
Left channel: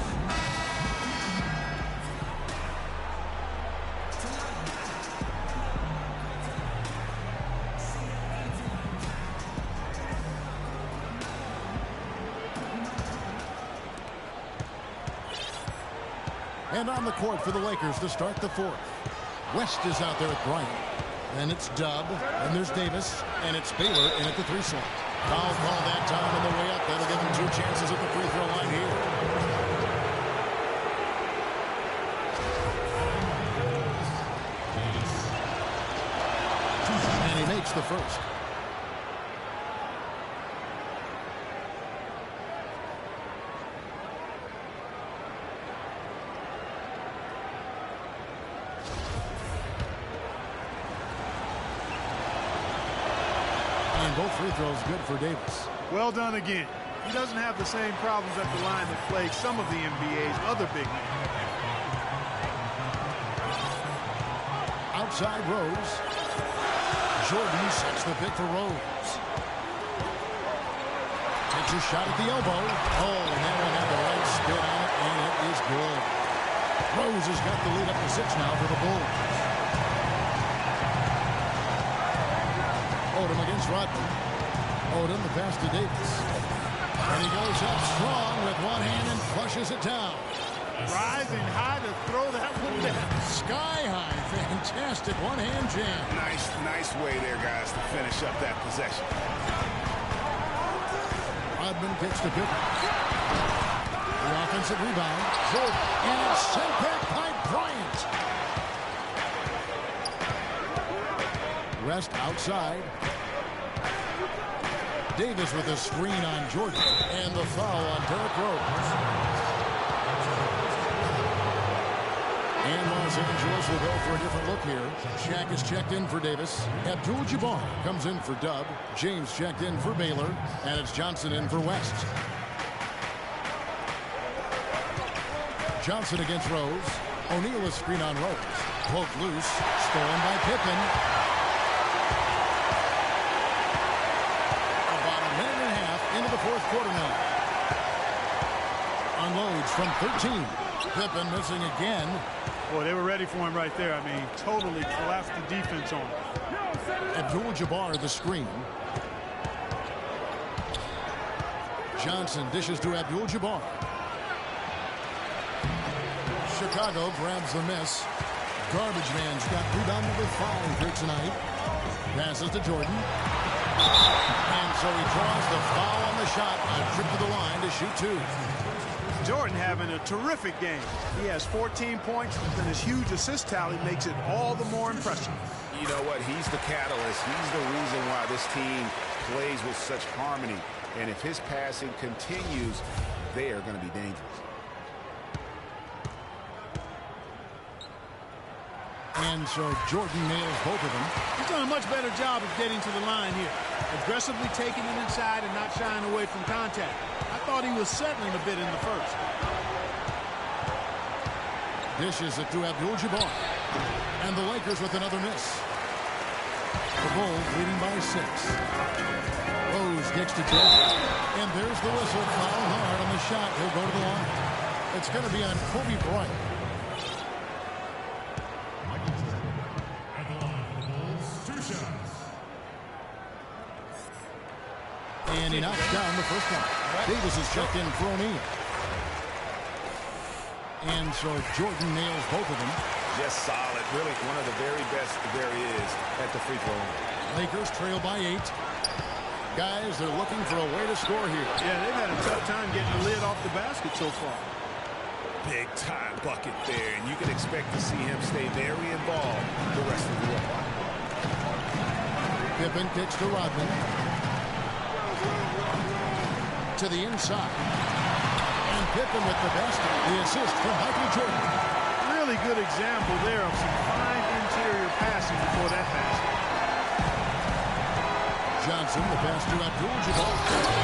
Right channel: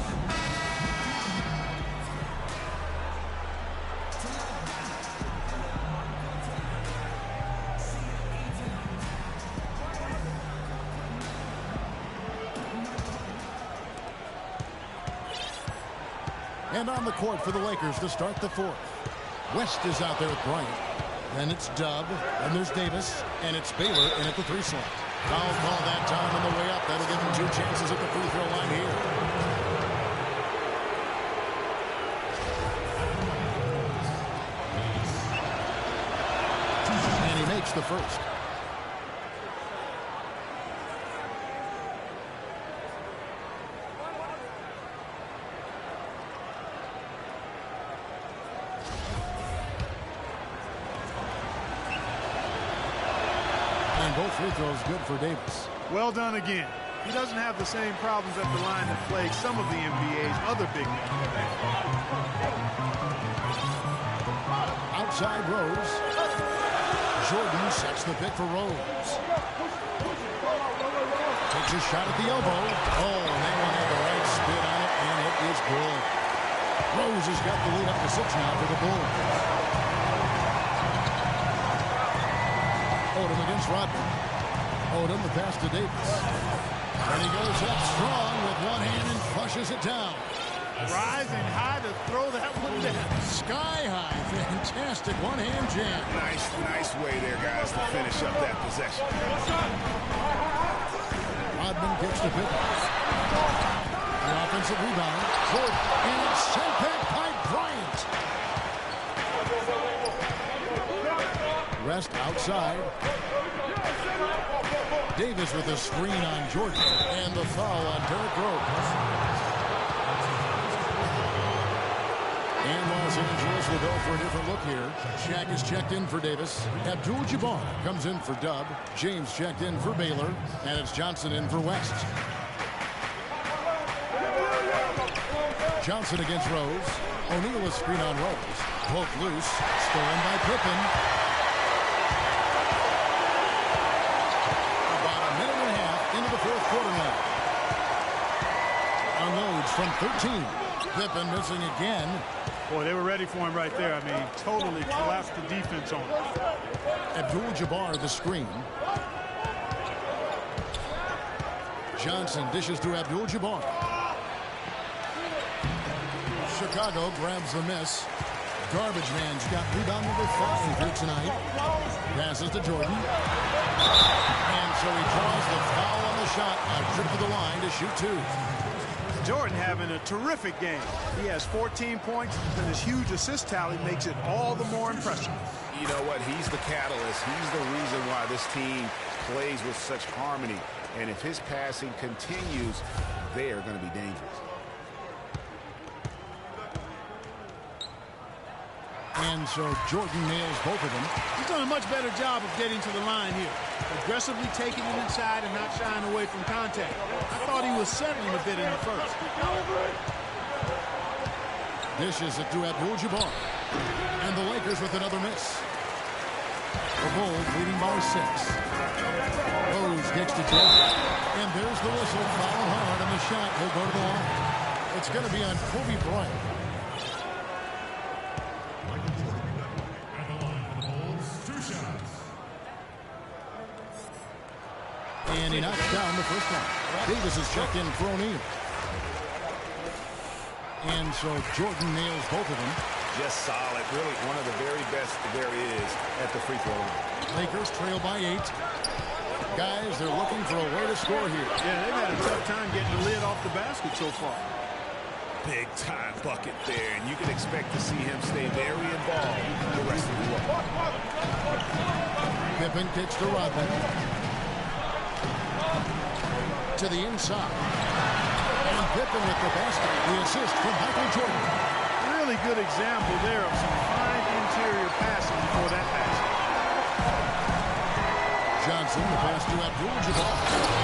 And on the court for the Lakers to start the fourth. West is out there with Bryant. Then it's Dub. Then there's Davis. And it's Baylor in at the 3 slot. Foul call that time on the way up. That'll give him 2 chances at the free throw line here. And he makes the first. Both free throws good for Davis. Well done again. He doesn't have the same problems at the line that plague some of the NBA's other big men. Outside Rose. Jordan sets the pick for Rose. Takes a shot at the elbow. Oh, and that one had the right spin on it, and it is good. Rose has got the lead up to 6 now for the Bulls. Odom against Rodman. Odom, the pass to Davis. And he goes up strong with one hand and flushes it down. Rising high to throw that one down. Sky high. Fantastic one-hand jam. Nice way there, guys, to finish up that possession. Rodman kicks to Pippen. The offensive rebound. Jordan. And it's sent back by Bryant. West outside. Davis with a screen on Jordan. And the foul on Derrick Rose. And Los Angeles will go for a different look here. Shaq is checked in for Davis. Abdul-Jabbar comes in for Dub. James checked in for Baylor. And it's Johnson in for West. Johnson against Rose. O'Neal is screen on Rose. Poked loose. Stolen by Pippen. About a minute and a half into the fourth quarter now. Unloads from 13. Pippen missing again. Boy, they were ready for him right there. I mean, totally collapsed the defense on him. Abdul-Jabbar the screen. Johnson dishes to Abdul-Jabbar. Chicago grabs the miss. Garbage man's got rebound number 5 here tonight. Passes to Jordan. And so he draws the foul on the shot. A trip to the line to shoot 2. Jordan having a terrific game. He has 14 points, and his huge assist tally makes it all the more impressive. You know what? He's the catalyst. He's the reason why this team plays with such harmony. And if his passing continues, they are going to be dangerous. And so Jordan nails both of them. He's done a much better job of getting to the line here. Aggressively taking it inside and not shying away from contact. I thought he was settling a bit in the first. Dishes it to Abdul-Jabbar. And the Lakers with another miss. The Bulls leading by 6. Rose kicks to Jordan. And there's the whistle. Foul hard on the shot. He'll go to the line. It's going to be on Kobe Bryant. Michael Jordan at the line for the Bulls. 2 shots. And he knocks down the first one. Davis is checked in for O'Neal. And so Jordan nails both of them. Just solid. Really one of the very best there is at the free throw line. Lakers trail by 8. Guys, they're looking for a way to score here. Yeah, they've had a tough time getting the lid off the basket so far. Big time bucket there, and you can expect to see him stay very involved the rest of the way. Pippen kicks to Rodman. To the inside. And Pippen with the basket. The assist from Michael Jordan. Really good example there of some fine interior passing before that basket. Johnson, the pass to Abdul-Jabbar.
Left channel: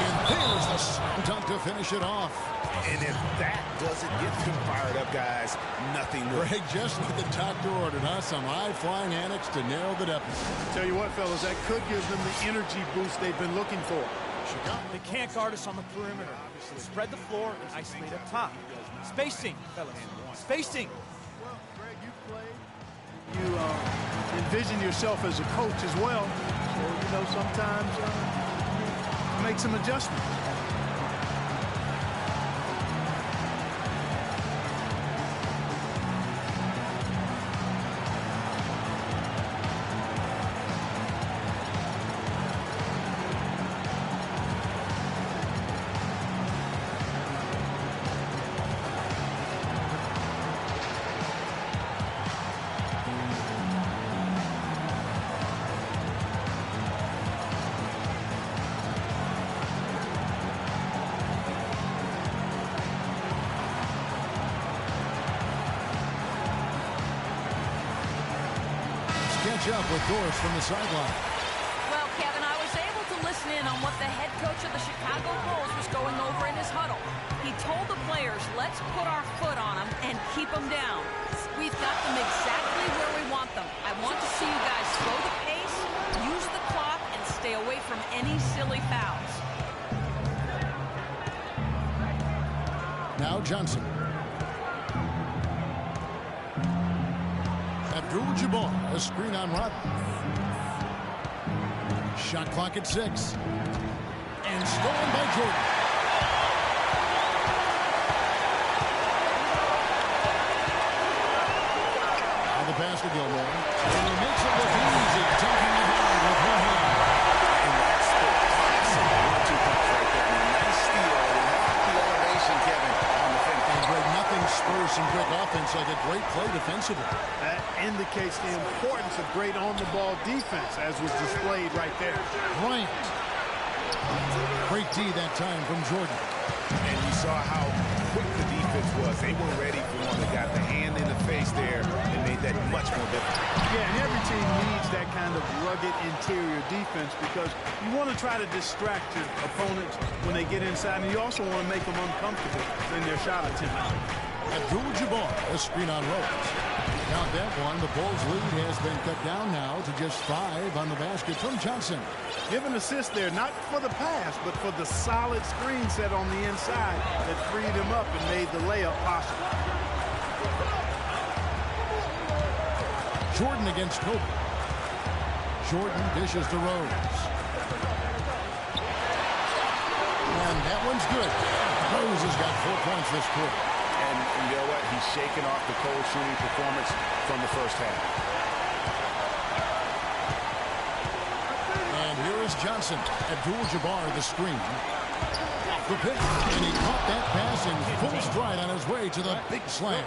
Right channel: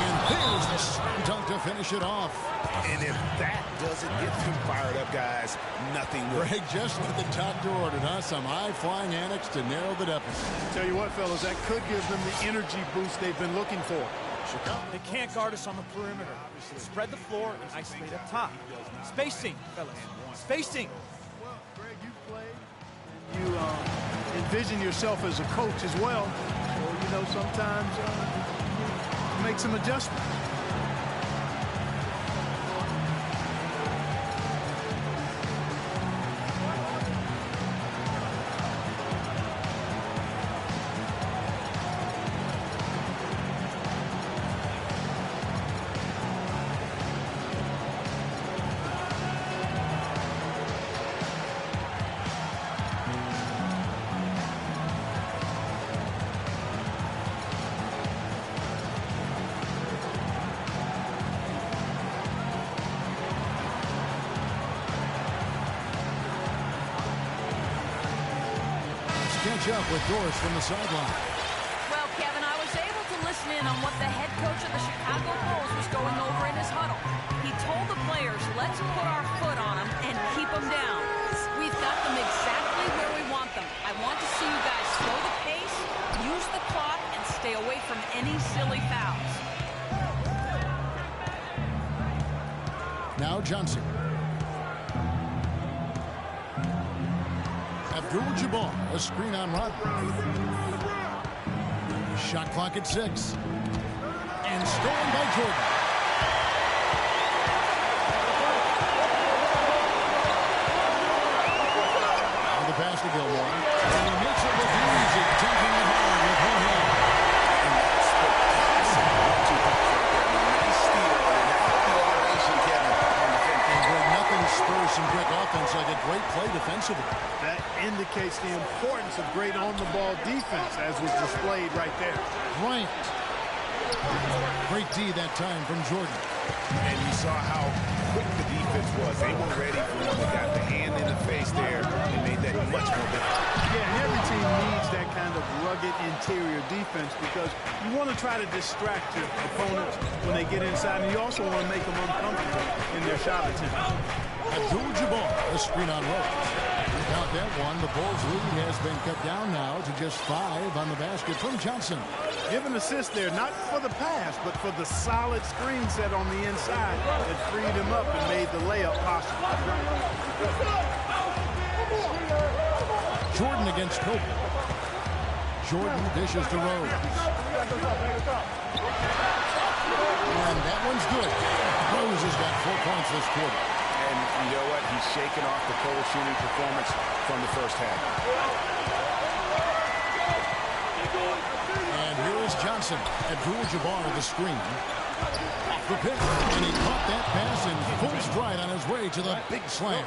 And there's the slam dunk to finish it off. And if that doesn't get them fired up, guys, nothing will. Greg, just what the doctor ordered, huh? Some high-flying annex to narrow the deficit. Tell you what, fellas, that could give them the energy boost they've been looking for. Chicago. They can't guard us on the perimeter. Spread the floor and isolate up top. Spacing, fellas. Spacing. Well, Greg, you've played, and you envision yourself as a coach as well. So, you know, sometimes you make some adjustments. Catch up with Doris from the sideline. Well, Kevin, I was able to listen in on what the head coach of the Chicago Bulls was going over in his huddle. He told the players, let's put our foot on them and keep them down. We've got them exactly where we want them. I want to see you guys slow the pace, use the clock, and stay away from any silly fouls. Now Johnson. Abdul-Jabbar, a screen on Rodman. Shot clock at 6. And stolen by Jordan. Now the pass to Gilmore. And he makes it look easy, dunking it hard with one hand. And that's the classic 1-2 punch right there. I mean, nice steal. And how about the elevation, Kevin, on the finish? And Greg, nothing spurs some quick offense like a great play defensively. That indicates the importance of great on-the-ball defense, as was displayed right there. Bryant. Great D that time from Jordan. And you saw how quick the defense was. They were ready for him. They got the hand in the face there and made that much more difficult. Yeah, and every team needs that kind of rugged interior defense because you want to try to distract your opponents when they get inside, and you also want to make them uncomfortable in their shot attempts. Abdul-Jabbar, a screen on Rose. Count that one. The Bulls' lead has been cut down now to just 5 on the basket from Johnson. Give an assist there, not for the pass, but for the solid screen set on the inside that freed him up and made the layup possible. Jordan against Kobe. Jordan dishes to Rose. And that one's good. Rose has got 4 points this quarter. And you know what? He's shaking off the cold shooting performance from the first half. And here is Johnson. Abdul-Jabbar the screen. Off the pick. And he caught that pass in full stride on his way to the big slam.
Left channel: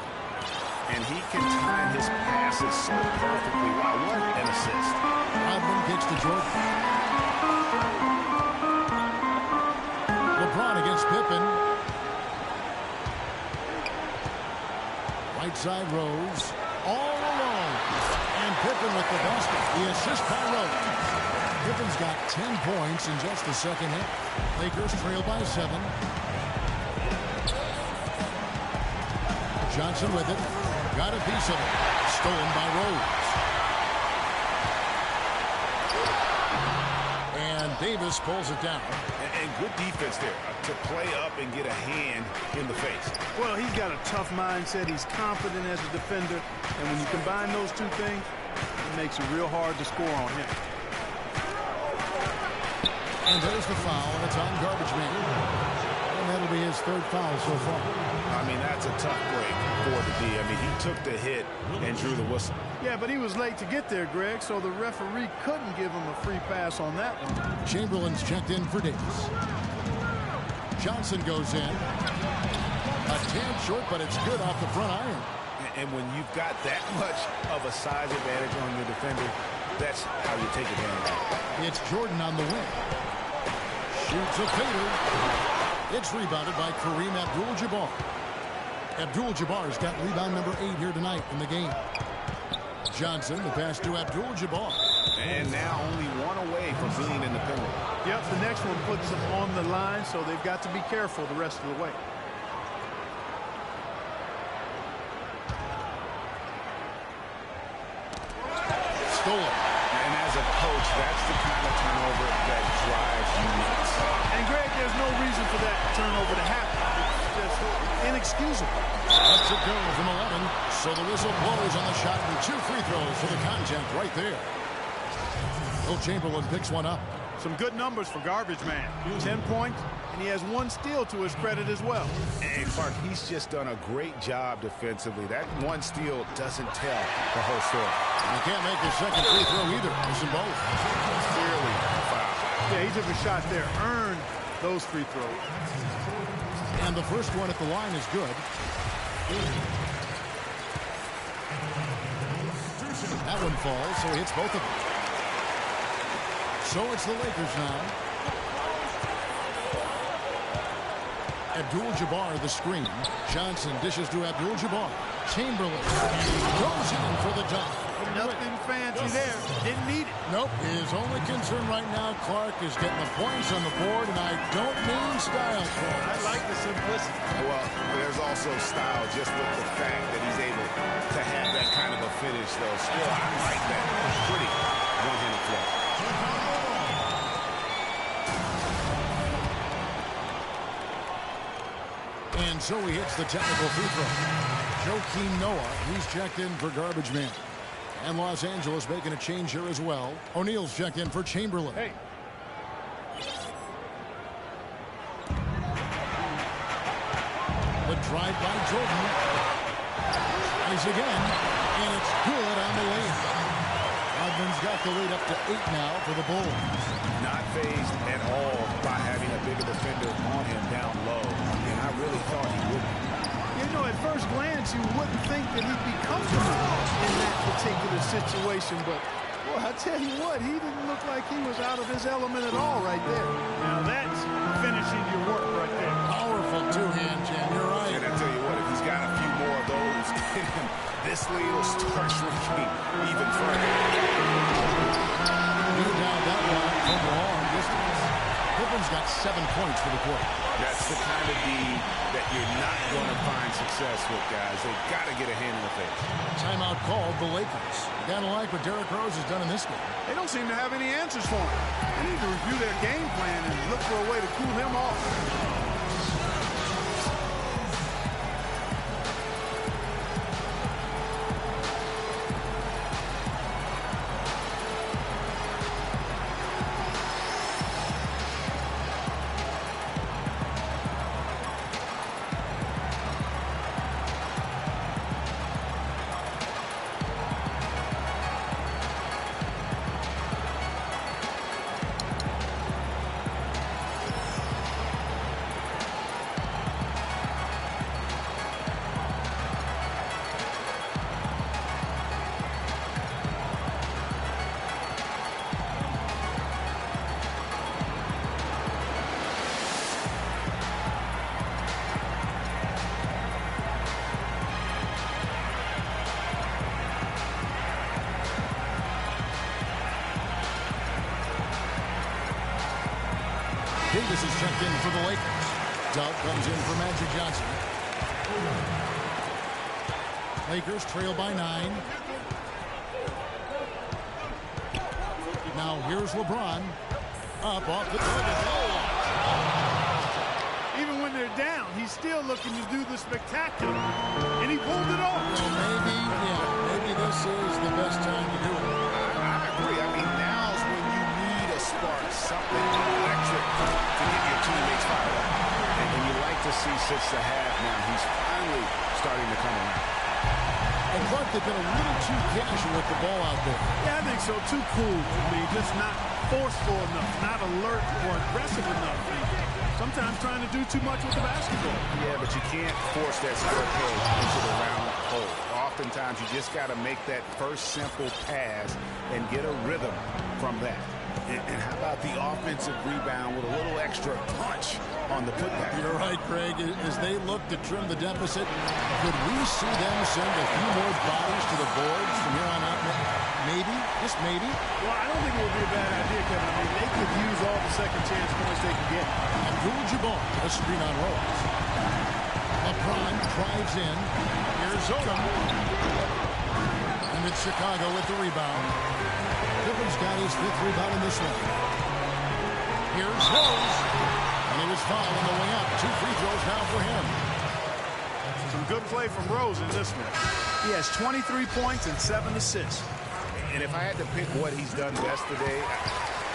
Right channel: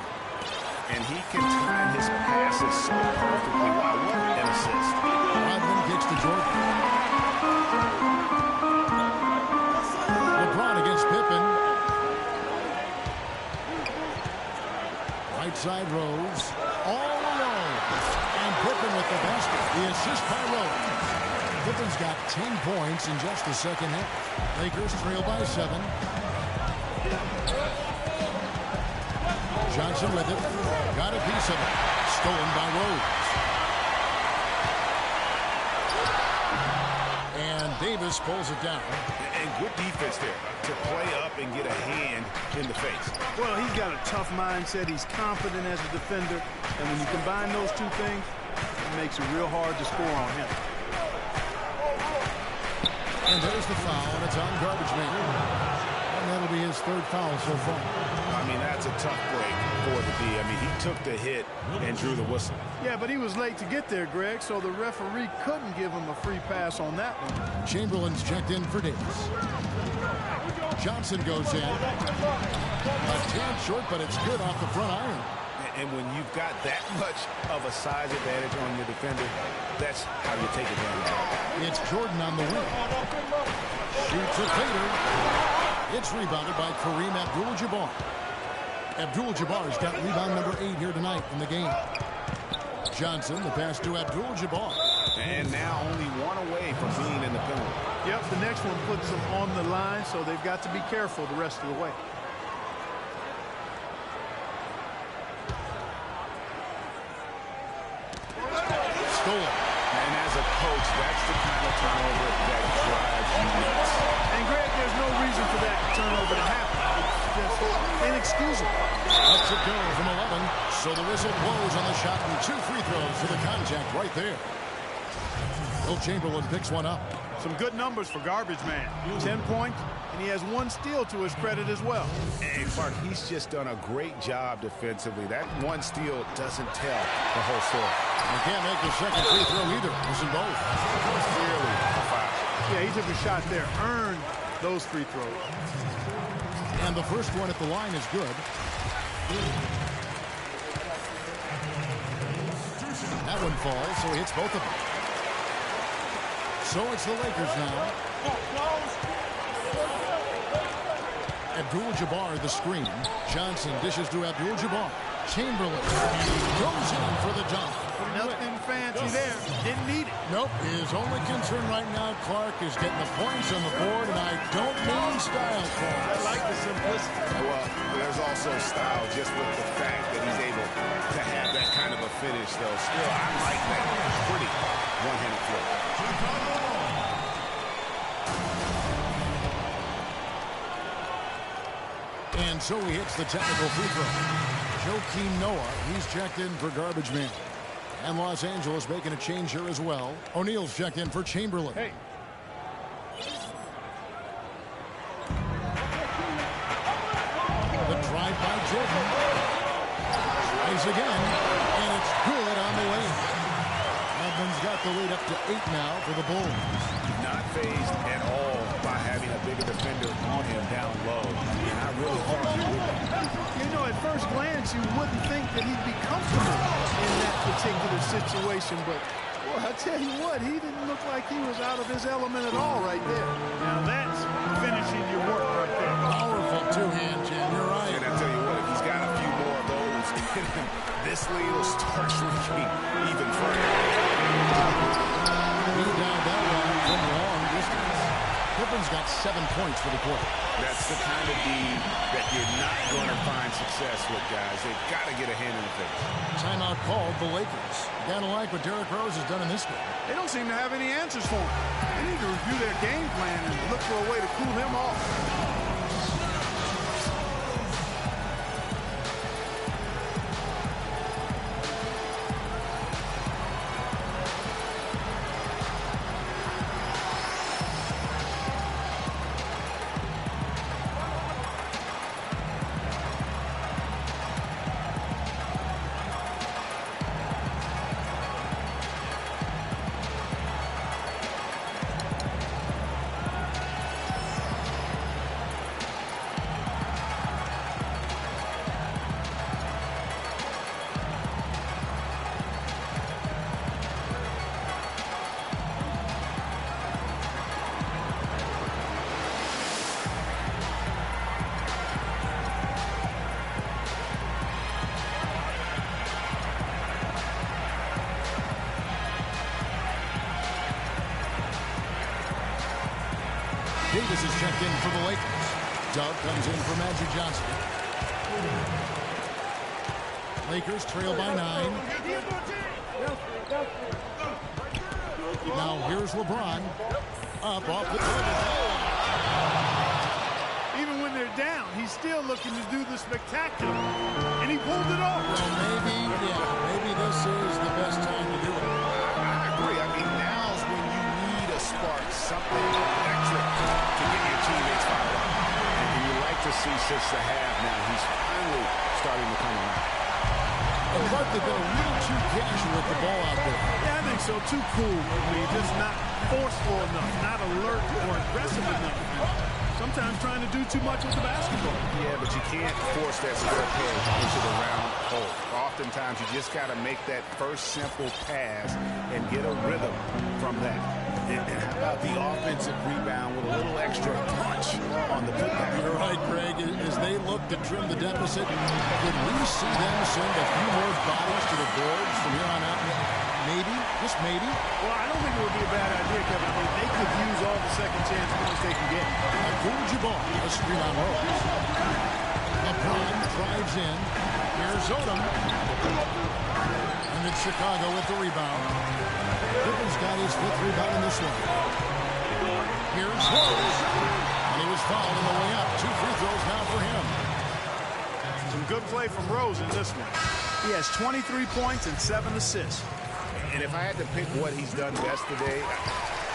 And he can time his passes so perfectly. Wow, what an assist. Rodman kicks to Jordan. LeBron against Pippen. Right side Rose. All alone. And Pippen with the basket. The assist by Rose. Pippen's got 10 points in just the second half. Lakers trail by 7. Johnson with it. Got a piece of it. Stolen by Rose. And Davis pulls it down. And good defense there to play up and get a hand in the face. Well, he's got a tough mindset. He's confident as a defender. And when you combine those two things, it makes it real hard to score on him. And there's the foul, and it's on Garbage Man. And that'll be his 3rd foul so far. I mean, that's a tough break for the D. I mean, he took the hit and drew the whistle. Yeah, but he was late to get there, Greg, so the referee couldn't give him a free pass on that one. Chamberlain's checked in for Davis. Johnson goes in. A tad short, but it's good off the front iron. And when you've got that much of a size advantage on your defender, that's how you take advantage of it. It's Jordan on the wing. Shoots a fader. It's rebounded by Kareem Abdul-Jabbar. Abdul-Jabbar's got rebound number 8 here tonight in the game. Johnson, the pass to Abdul-Jabbar. And now only one away from being in the penalty. Yep, the next one puts them on the line, so they've got to be careful the rest of the way. Stolen. And as a coach, that's the kind of turnover that drives you nuts. And, Greg, there's no reason for that turnover to happen. It's just inexcusable. Lets it go from 11. So the whistle blows on the shot and 2 free throws for the contact right there. Will Chamberlain picks one up. Some good numbers for garbage man. 10 points, and he has 1 steal to his credit as well. And Clark, he's just done a great job defensively. That 1 steal doesn't tell the whole story. And he can't make his second free throw either. Missing both. Clearly a foul. Yeah, he took a shot there. Earned those free throws. And the first one at the line is good. That one falls, so he hits both of them. So it's the Lakers now. Abdul-Jabbar the screen. Johnson dishes to Abdul-Jabbar. Chamberlain goes in for the dunk. Nothing fancy there. Didn't need it. Nope. His only concern right now, Clark, is getting the points on the board, and I don't mean style points. I like the simplicity. Well, there's also style just with the fact that he's able to have that kind of a finish, though. Still, I like that pretty one-handed flow. And so he hits the technical free throw. Joakim Noah, he's checked in for garbage man. And Los Angeles making a change here as well. O'Neal's checked in for Chamberlain. Hey. The drive by Jordan. Tries again, and it's good on the lane. Rodman's got the lead up to 8 now for the Bulls. Not fazed at all by having a bigger defender on him down low, and I really thought he would be. You know, at first glance, you wouldn't think that he'd be comfortable in that particular situation, but, well, I tell you what, he didn't look like he was out of his element at all right there. Now, that's finishing your work right there. Powerful two-hand jam, you're right. And I tell you what, if he's got a few more of those in him, this lead will start shrinking even further. He down that one from long distance. Pippen's got 7 points for the quarter. That's the kind of D that you're not going to find success with, guys. They've got to get a hand in the face. Timeout called the Lakers. You got to like what Derrick Rose has done in this game. They don't seem to have any answers for him. They need to review their game plan and look for a way to cool him off. Davis is checked in for the Lakers. Doug comes in for Magic Johnson. Lakers trail by 9. Now here's LeBron. Up off the Even when they're down, he's still looking to do the spectacular. And he pulled it off. Well, maybe this is the best time to do it. I agree. I mean, now's when you need a spark, something electric to get your teammates fired up. And you like to see since the half now, he's finally starting to come around. And Clark, they've been a little too casual with the ball out there. Yeah, I think so. Too cool. I mean, just not forceful enough, not alert or aggressive enough. And sometimes trying to do too much with the basketball. Yeah, but you can't force that square peg into the round hole. Oftentimes, you just got to make that first simple pass and get a rhythm from that. And how about the offensive rebound with a little extra punch on the putback? You're right, Craig. As they look to trim the deficit, could we see them send a few more bodies to the boards from here on out? Maybe, just maybe. Well, I don't think it would be a bad idea, Kevin. I mean, they could use all the second chance points they can get. Abdul-Jabbar, a screen on Rose. LeBron drives in. Here's Odom. And it's Chicago with the rebound. Pippen's got his 5th rebound in this one. Here's Rose. And he was fouled on the way up. 2 free throws now for him. Some good play from Rose in this one. He has 23 points and 7 assists. And if I had to pick what he's done best today,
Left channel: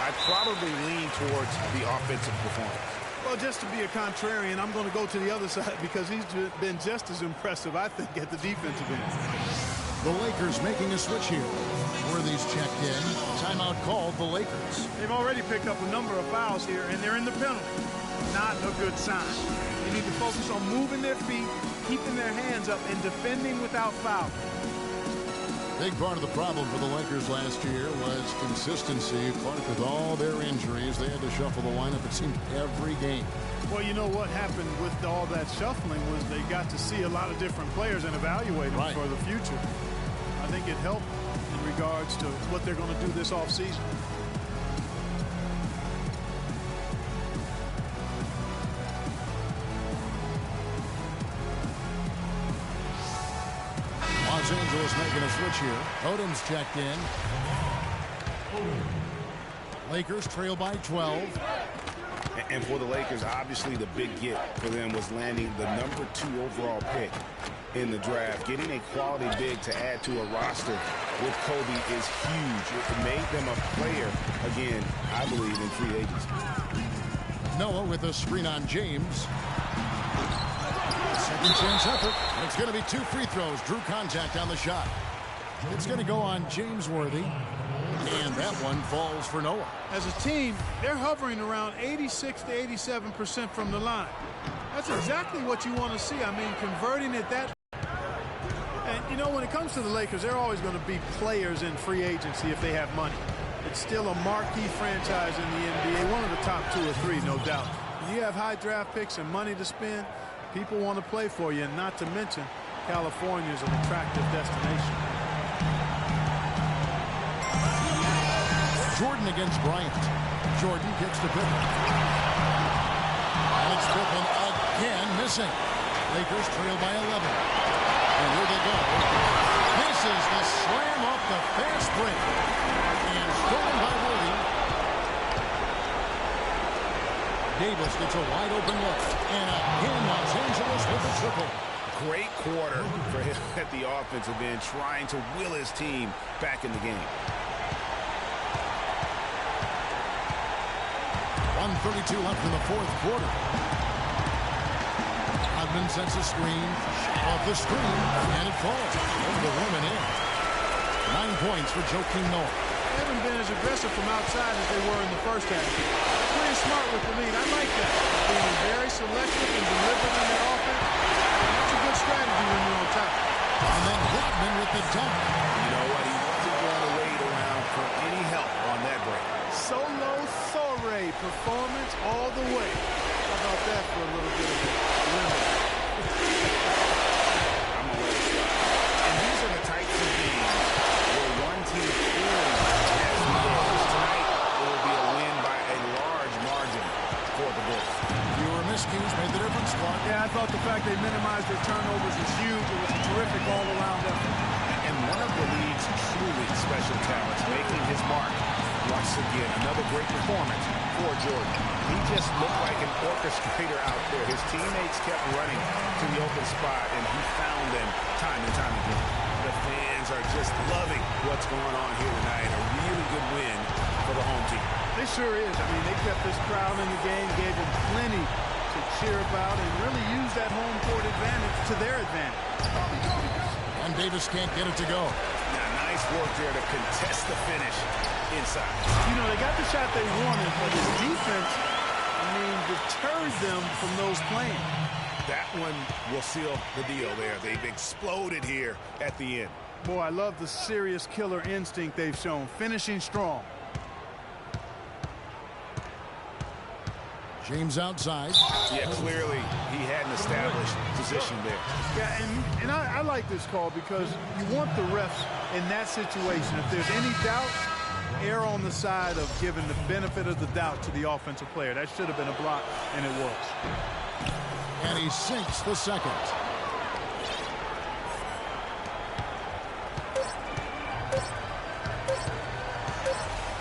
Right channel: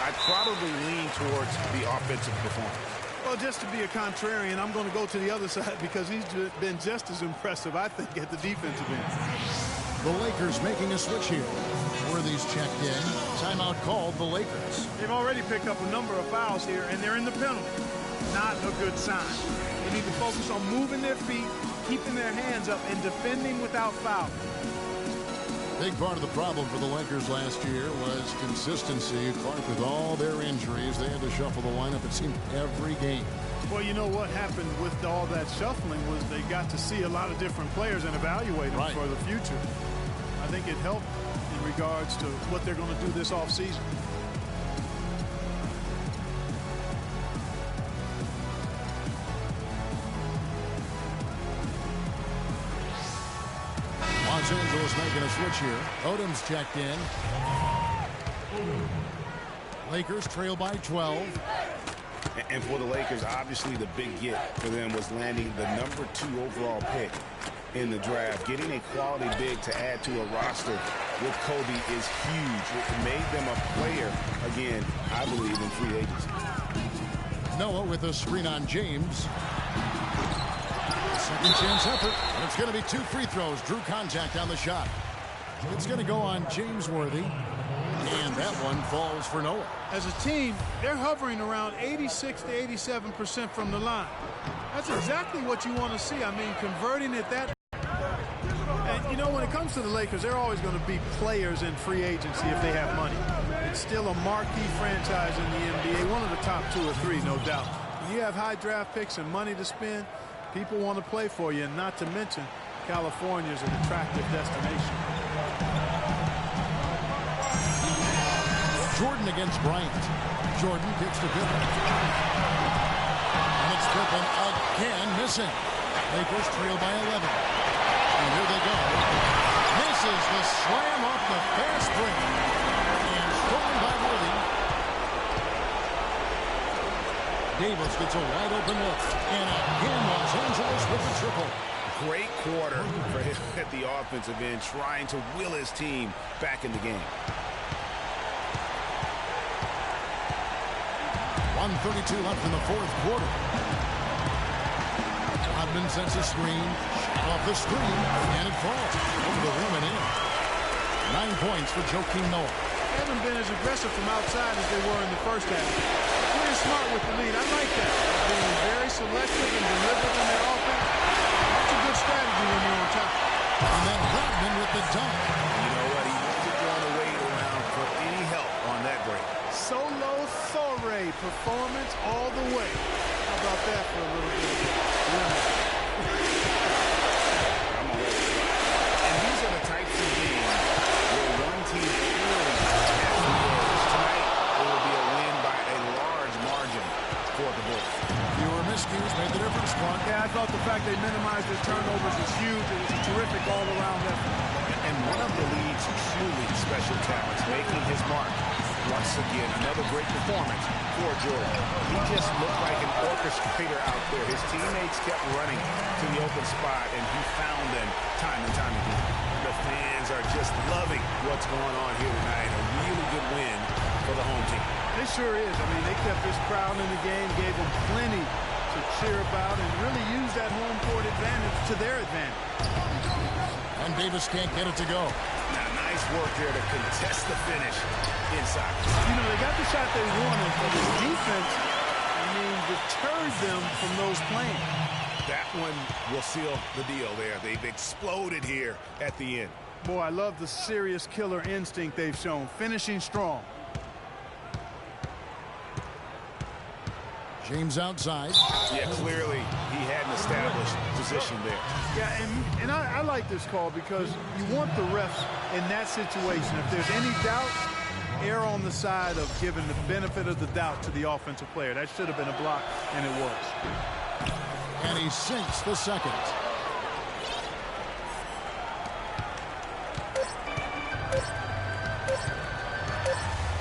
I'd probably lean towards the offensive performance. Well, just to be a contrarian, I'm going to go to the other side because he's been just as impressive, I think, at the defensive end. The Lakers making a switch here. Worthy's checked in. Timeout called the Lakers. They've already picked up a number of fouls here, and they're in the penalty. Not a good sign. They need to focus on moving their feet, keeping their hands up, and defending without fouling. Big part of the problem for the Lakers last year was consistency. Clark, with all their injuries, they had to shuffle the lineup, it seemed, every game. Well, you know what happened with all that shuffling was they got to see a lot of different players and evaluate them for the future. I think it helped in regards to what they're going to do this offseason. Los Angeles making a switch here. Odom's checked in. Lakers trail by 12. And for the Lakers, obviously the big get for them was landing the number 2 overall pick in the draft. Getting a quality big to add to a roster with Kobe is huge. It made them a player, again, I believe, in free agency. Noah with a screen on James. Second chance effort, and it's going to be 2 free throws. Drew contact on the shot. It's going to go on James Worthy, and that one falls for Noah. As a team, they're hovering around 86 to 87% from the line. That's exactly what you want to see. I mean, converting it that. And, you know, when it comes to the Lakers, they're always going to be players in free agency if they have money. It's still a marquee franchise in the NBA, one of the top 2 or 3, no doubt. When you have high draft picks and money to spend, people want to play for you, and not to mention California is an attractive destination. Jordan against Bryant. Jordan kicks to Pippen. And it's Pippen again missing. Lakers trail by 11. And here they go. Misses the slam off the fast break. And stolen by Worthy. Davis gets a wide open look. And again, Los Angeles with the triple. Great quarter for him at the offensive end, trying to will his team back in the game. 1:32 left in the 4th quarter. Hodman sends a screen. Shot off the screen. And it falls over the rim and in. 9 points for Joakim Noah. They haven't been as aggressive from outside as they were in the first half. Playing smart with the lead. I like that. Being very selective and deliberate in their offense. That's a good strategy when you're on top. And then Rodman with the dunk. You know what? He wasn't going to wait around for any help on that break. Solo Thore performance all the way. How about that for a little bit of a limit? I'm going to let it slide. And these are the types of games where one team clearly has the edge. Tonight, it will be a win by a large margin for the Bulls. Fewer miscues made the difference, Clark. Yeah, I thought the fact they minimized their turnovers was huge. It was a terrific all-around effort. And one of the league's truly special talents making his mark. Once again, another great performance for Jordan. He just looked like an orchestrator out there. His teammates kept running to the open spot, and he found them time and time again. The fans are just loving what's going on here tonight. A really good win for the home team. It sure is. I mean, they kept this crowd in the game, gave them plenty to cheer about, and really used that home court advantage to their advantage. And Davis can't get it to go. Now, nice work there to contest the finish inside. You know, they got the shot they wanted, but the defense, I mean, deterred them from those playing. That one will seal the deal there. They've exploded here at the end. Boy, I love the serious killer instinct they've shown, finishing strong. James outside. Yeah, clearly he had an established position there. Yeah, and I like this call because you want the refs in that situation. If there's any doubt, err on the side of giving the benefit of the doubt to the offensive player. That should have been a block, and it was. And he sinks the second.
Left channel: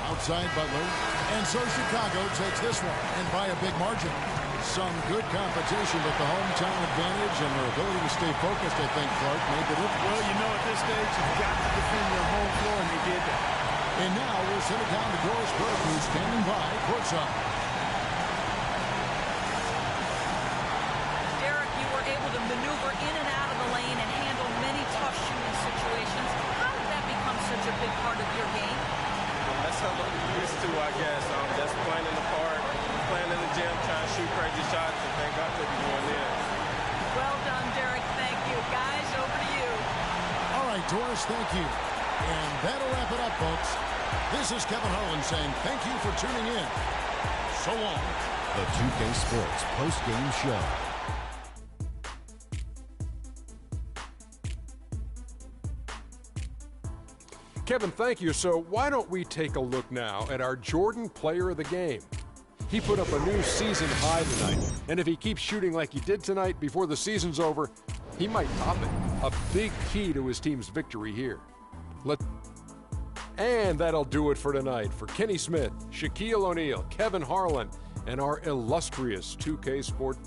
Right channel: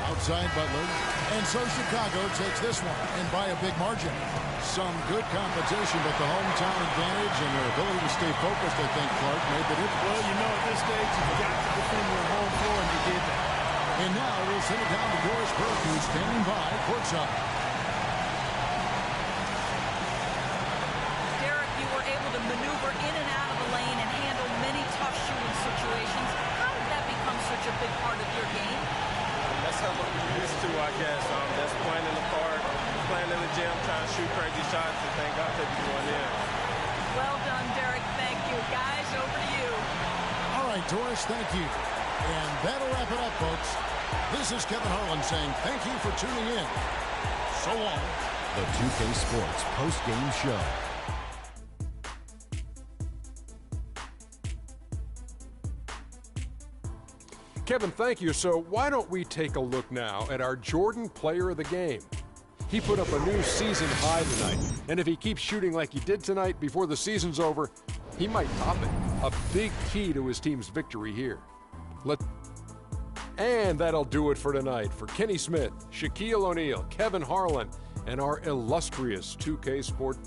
Outside Butler. And so Chicago takes this one, and by a big margin. Some good competition, but the hometown advantage and their ability to stay focused, I think, Clark, made the difference. Well, you know, at this stage, you've got to defend your home floor, and they did that. And now we'll send it down to Doris Burke, who's standing by courtside. Derek, you were able to maneuver in and out of the lane and handle many tough shooting situations. How did that become such a big part of your game? That's how I'm used to, I guess. That's playing in the park, playing in the gym, trying to shoot crazy shots, and thank God they be going in. Well done, Derek. Thank you. Guys, over to you. All right, Doris, thank you. And that'll wrap it up, folks. This is Kevin Harlan saying thank you for tuning in. So long. The 2K Sports post-game show. Kevin, thank you. So why don't we take a look now at our Jordan Player of the Game? He put up a new season high tonight, and if he keeps shooting like he did tonight before the season's over, he might top it. A big key to his team's victory here. And that'll do it for tonight. For Kenny Smith, Shaquille O'Neal, Kevin Harlan, and our illustrious 2K Sport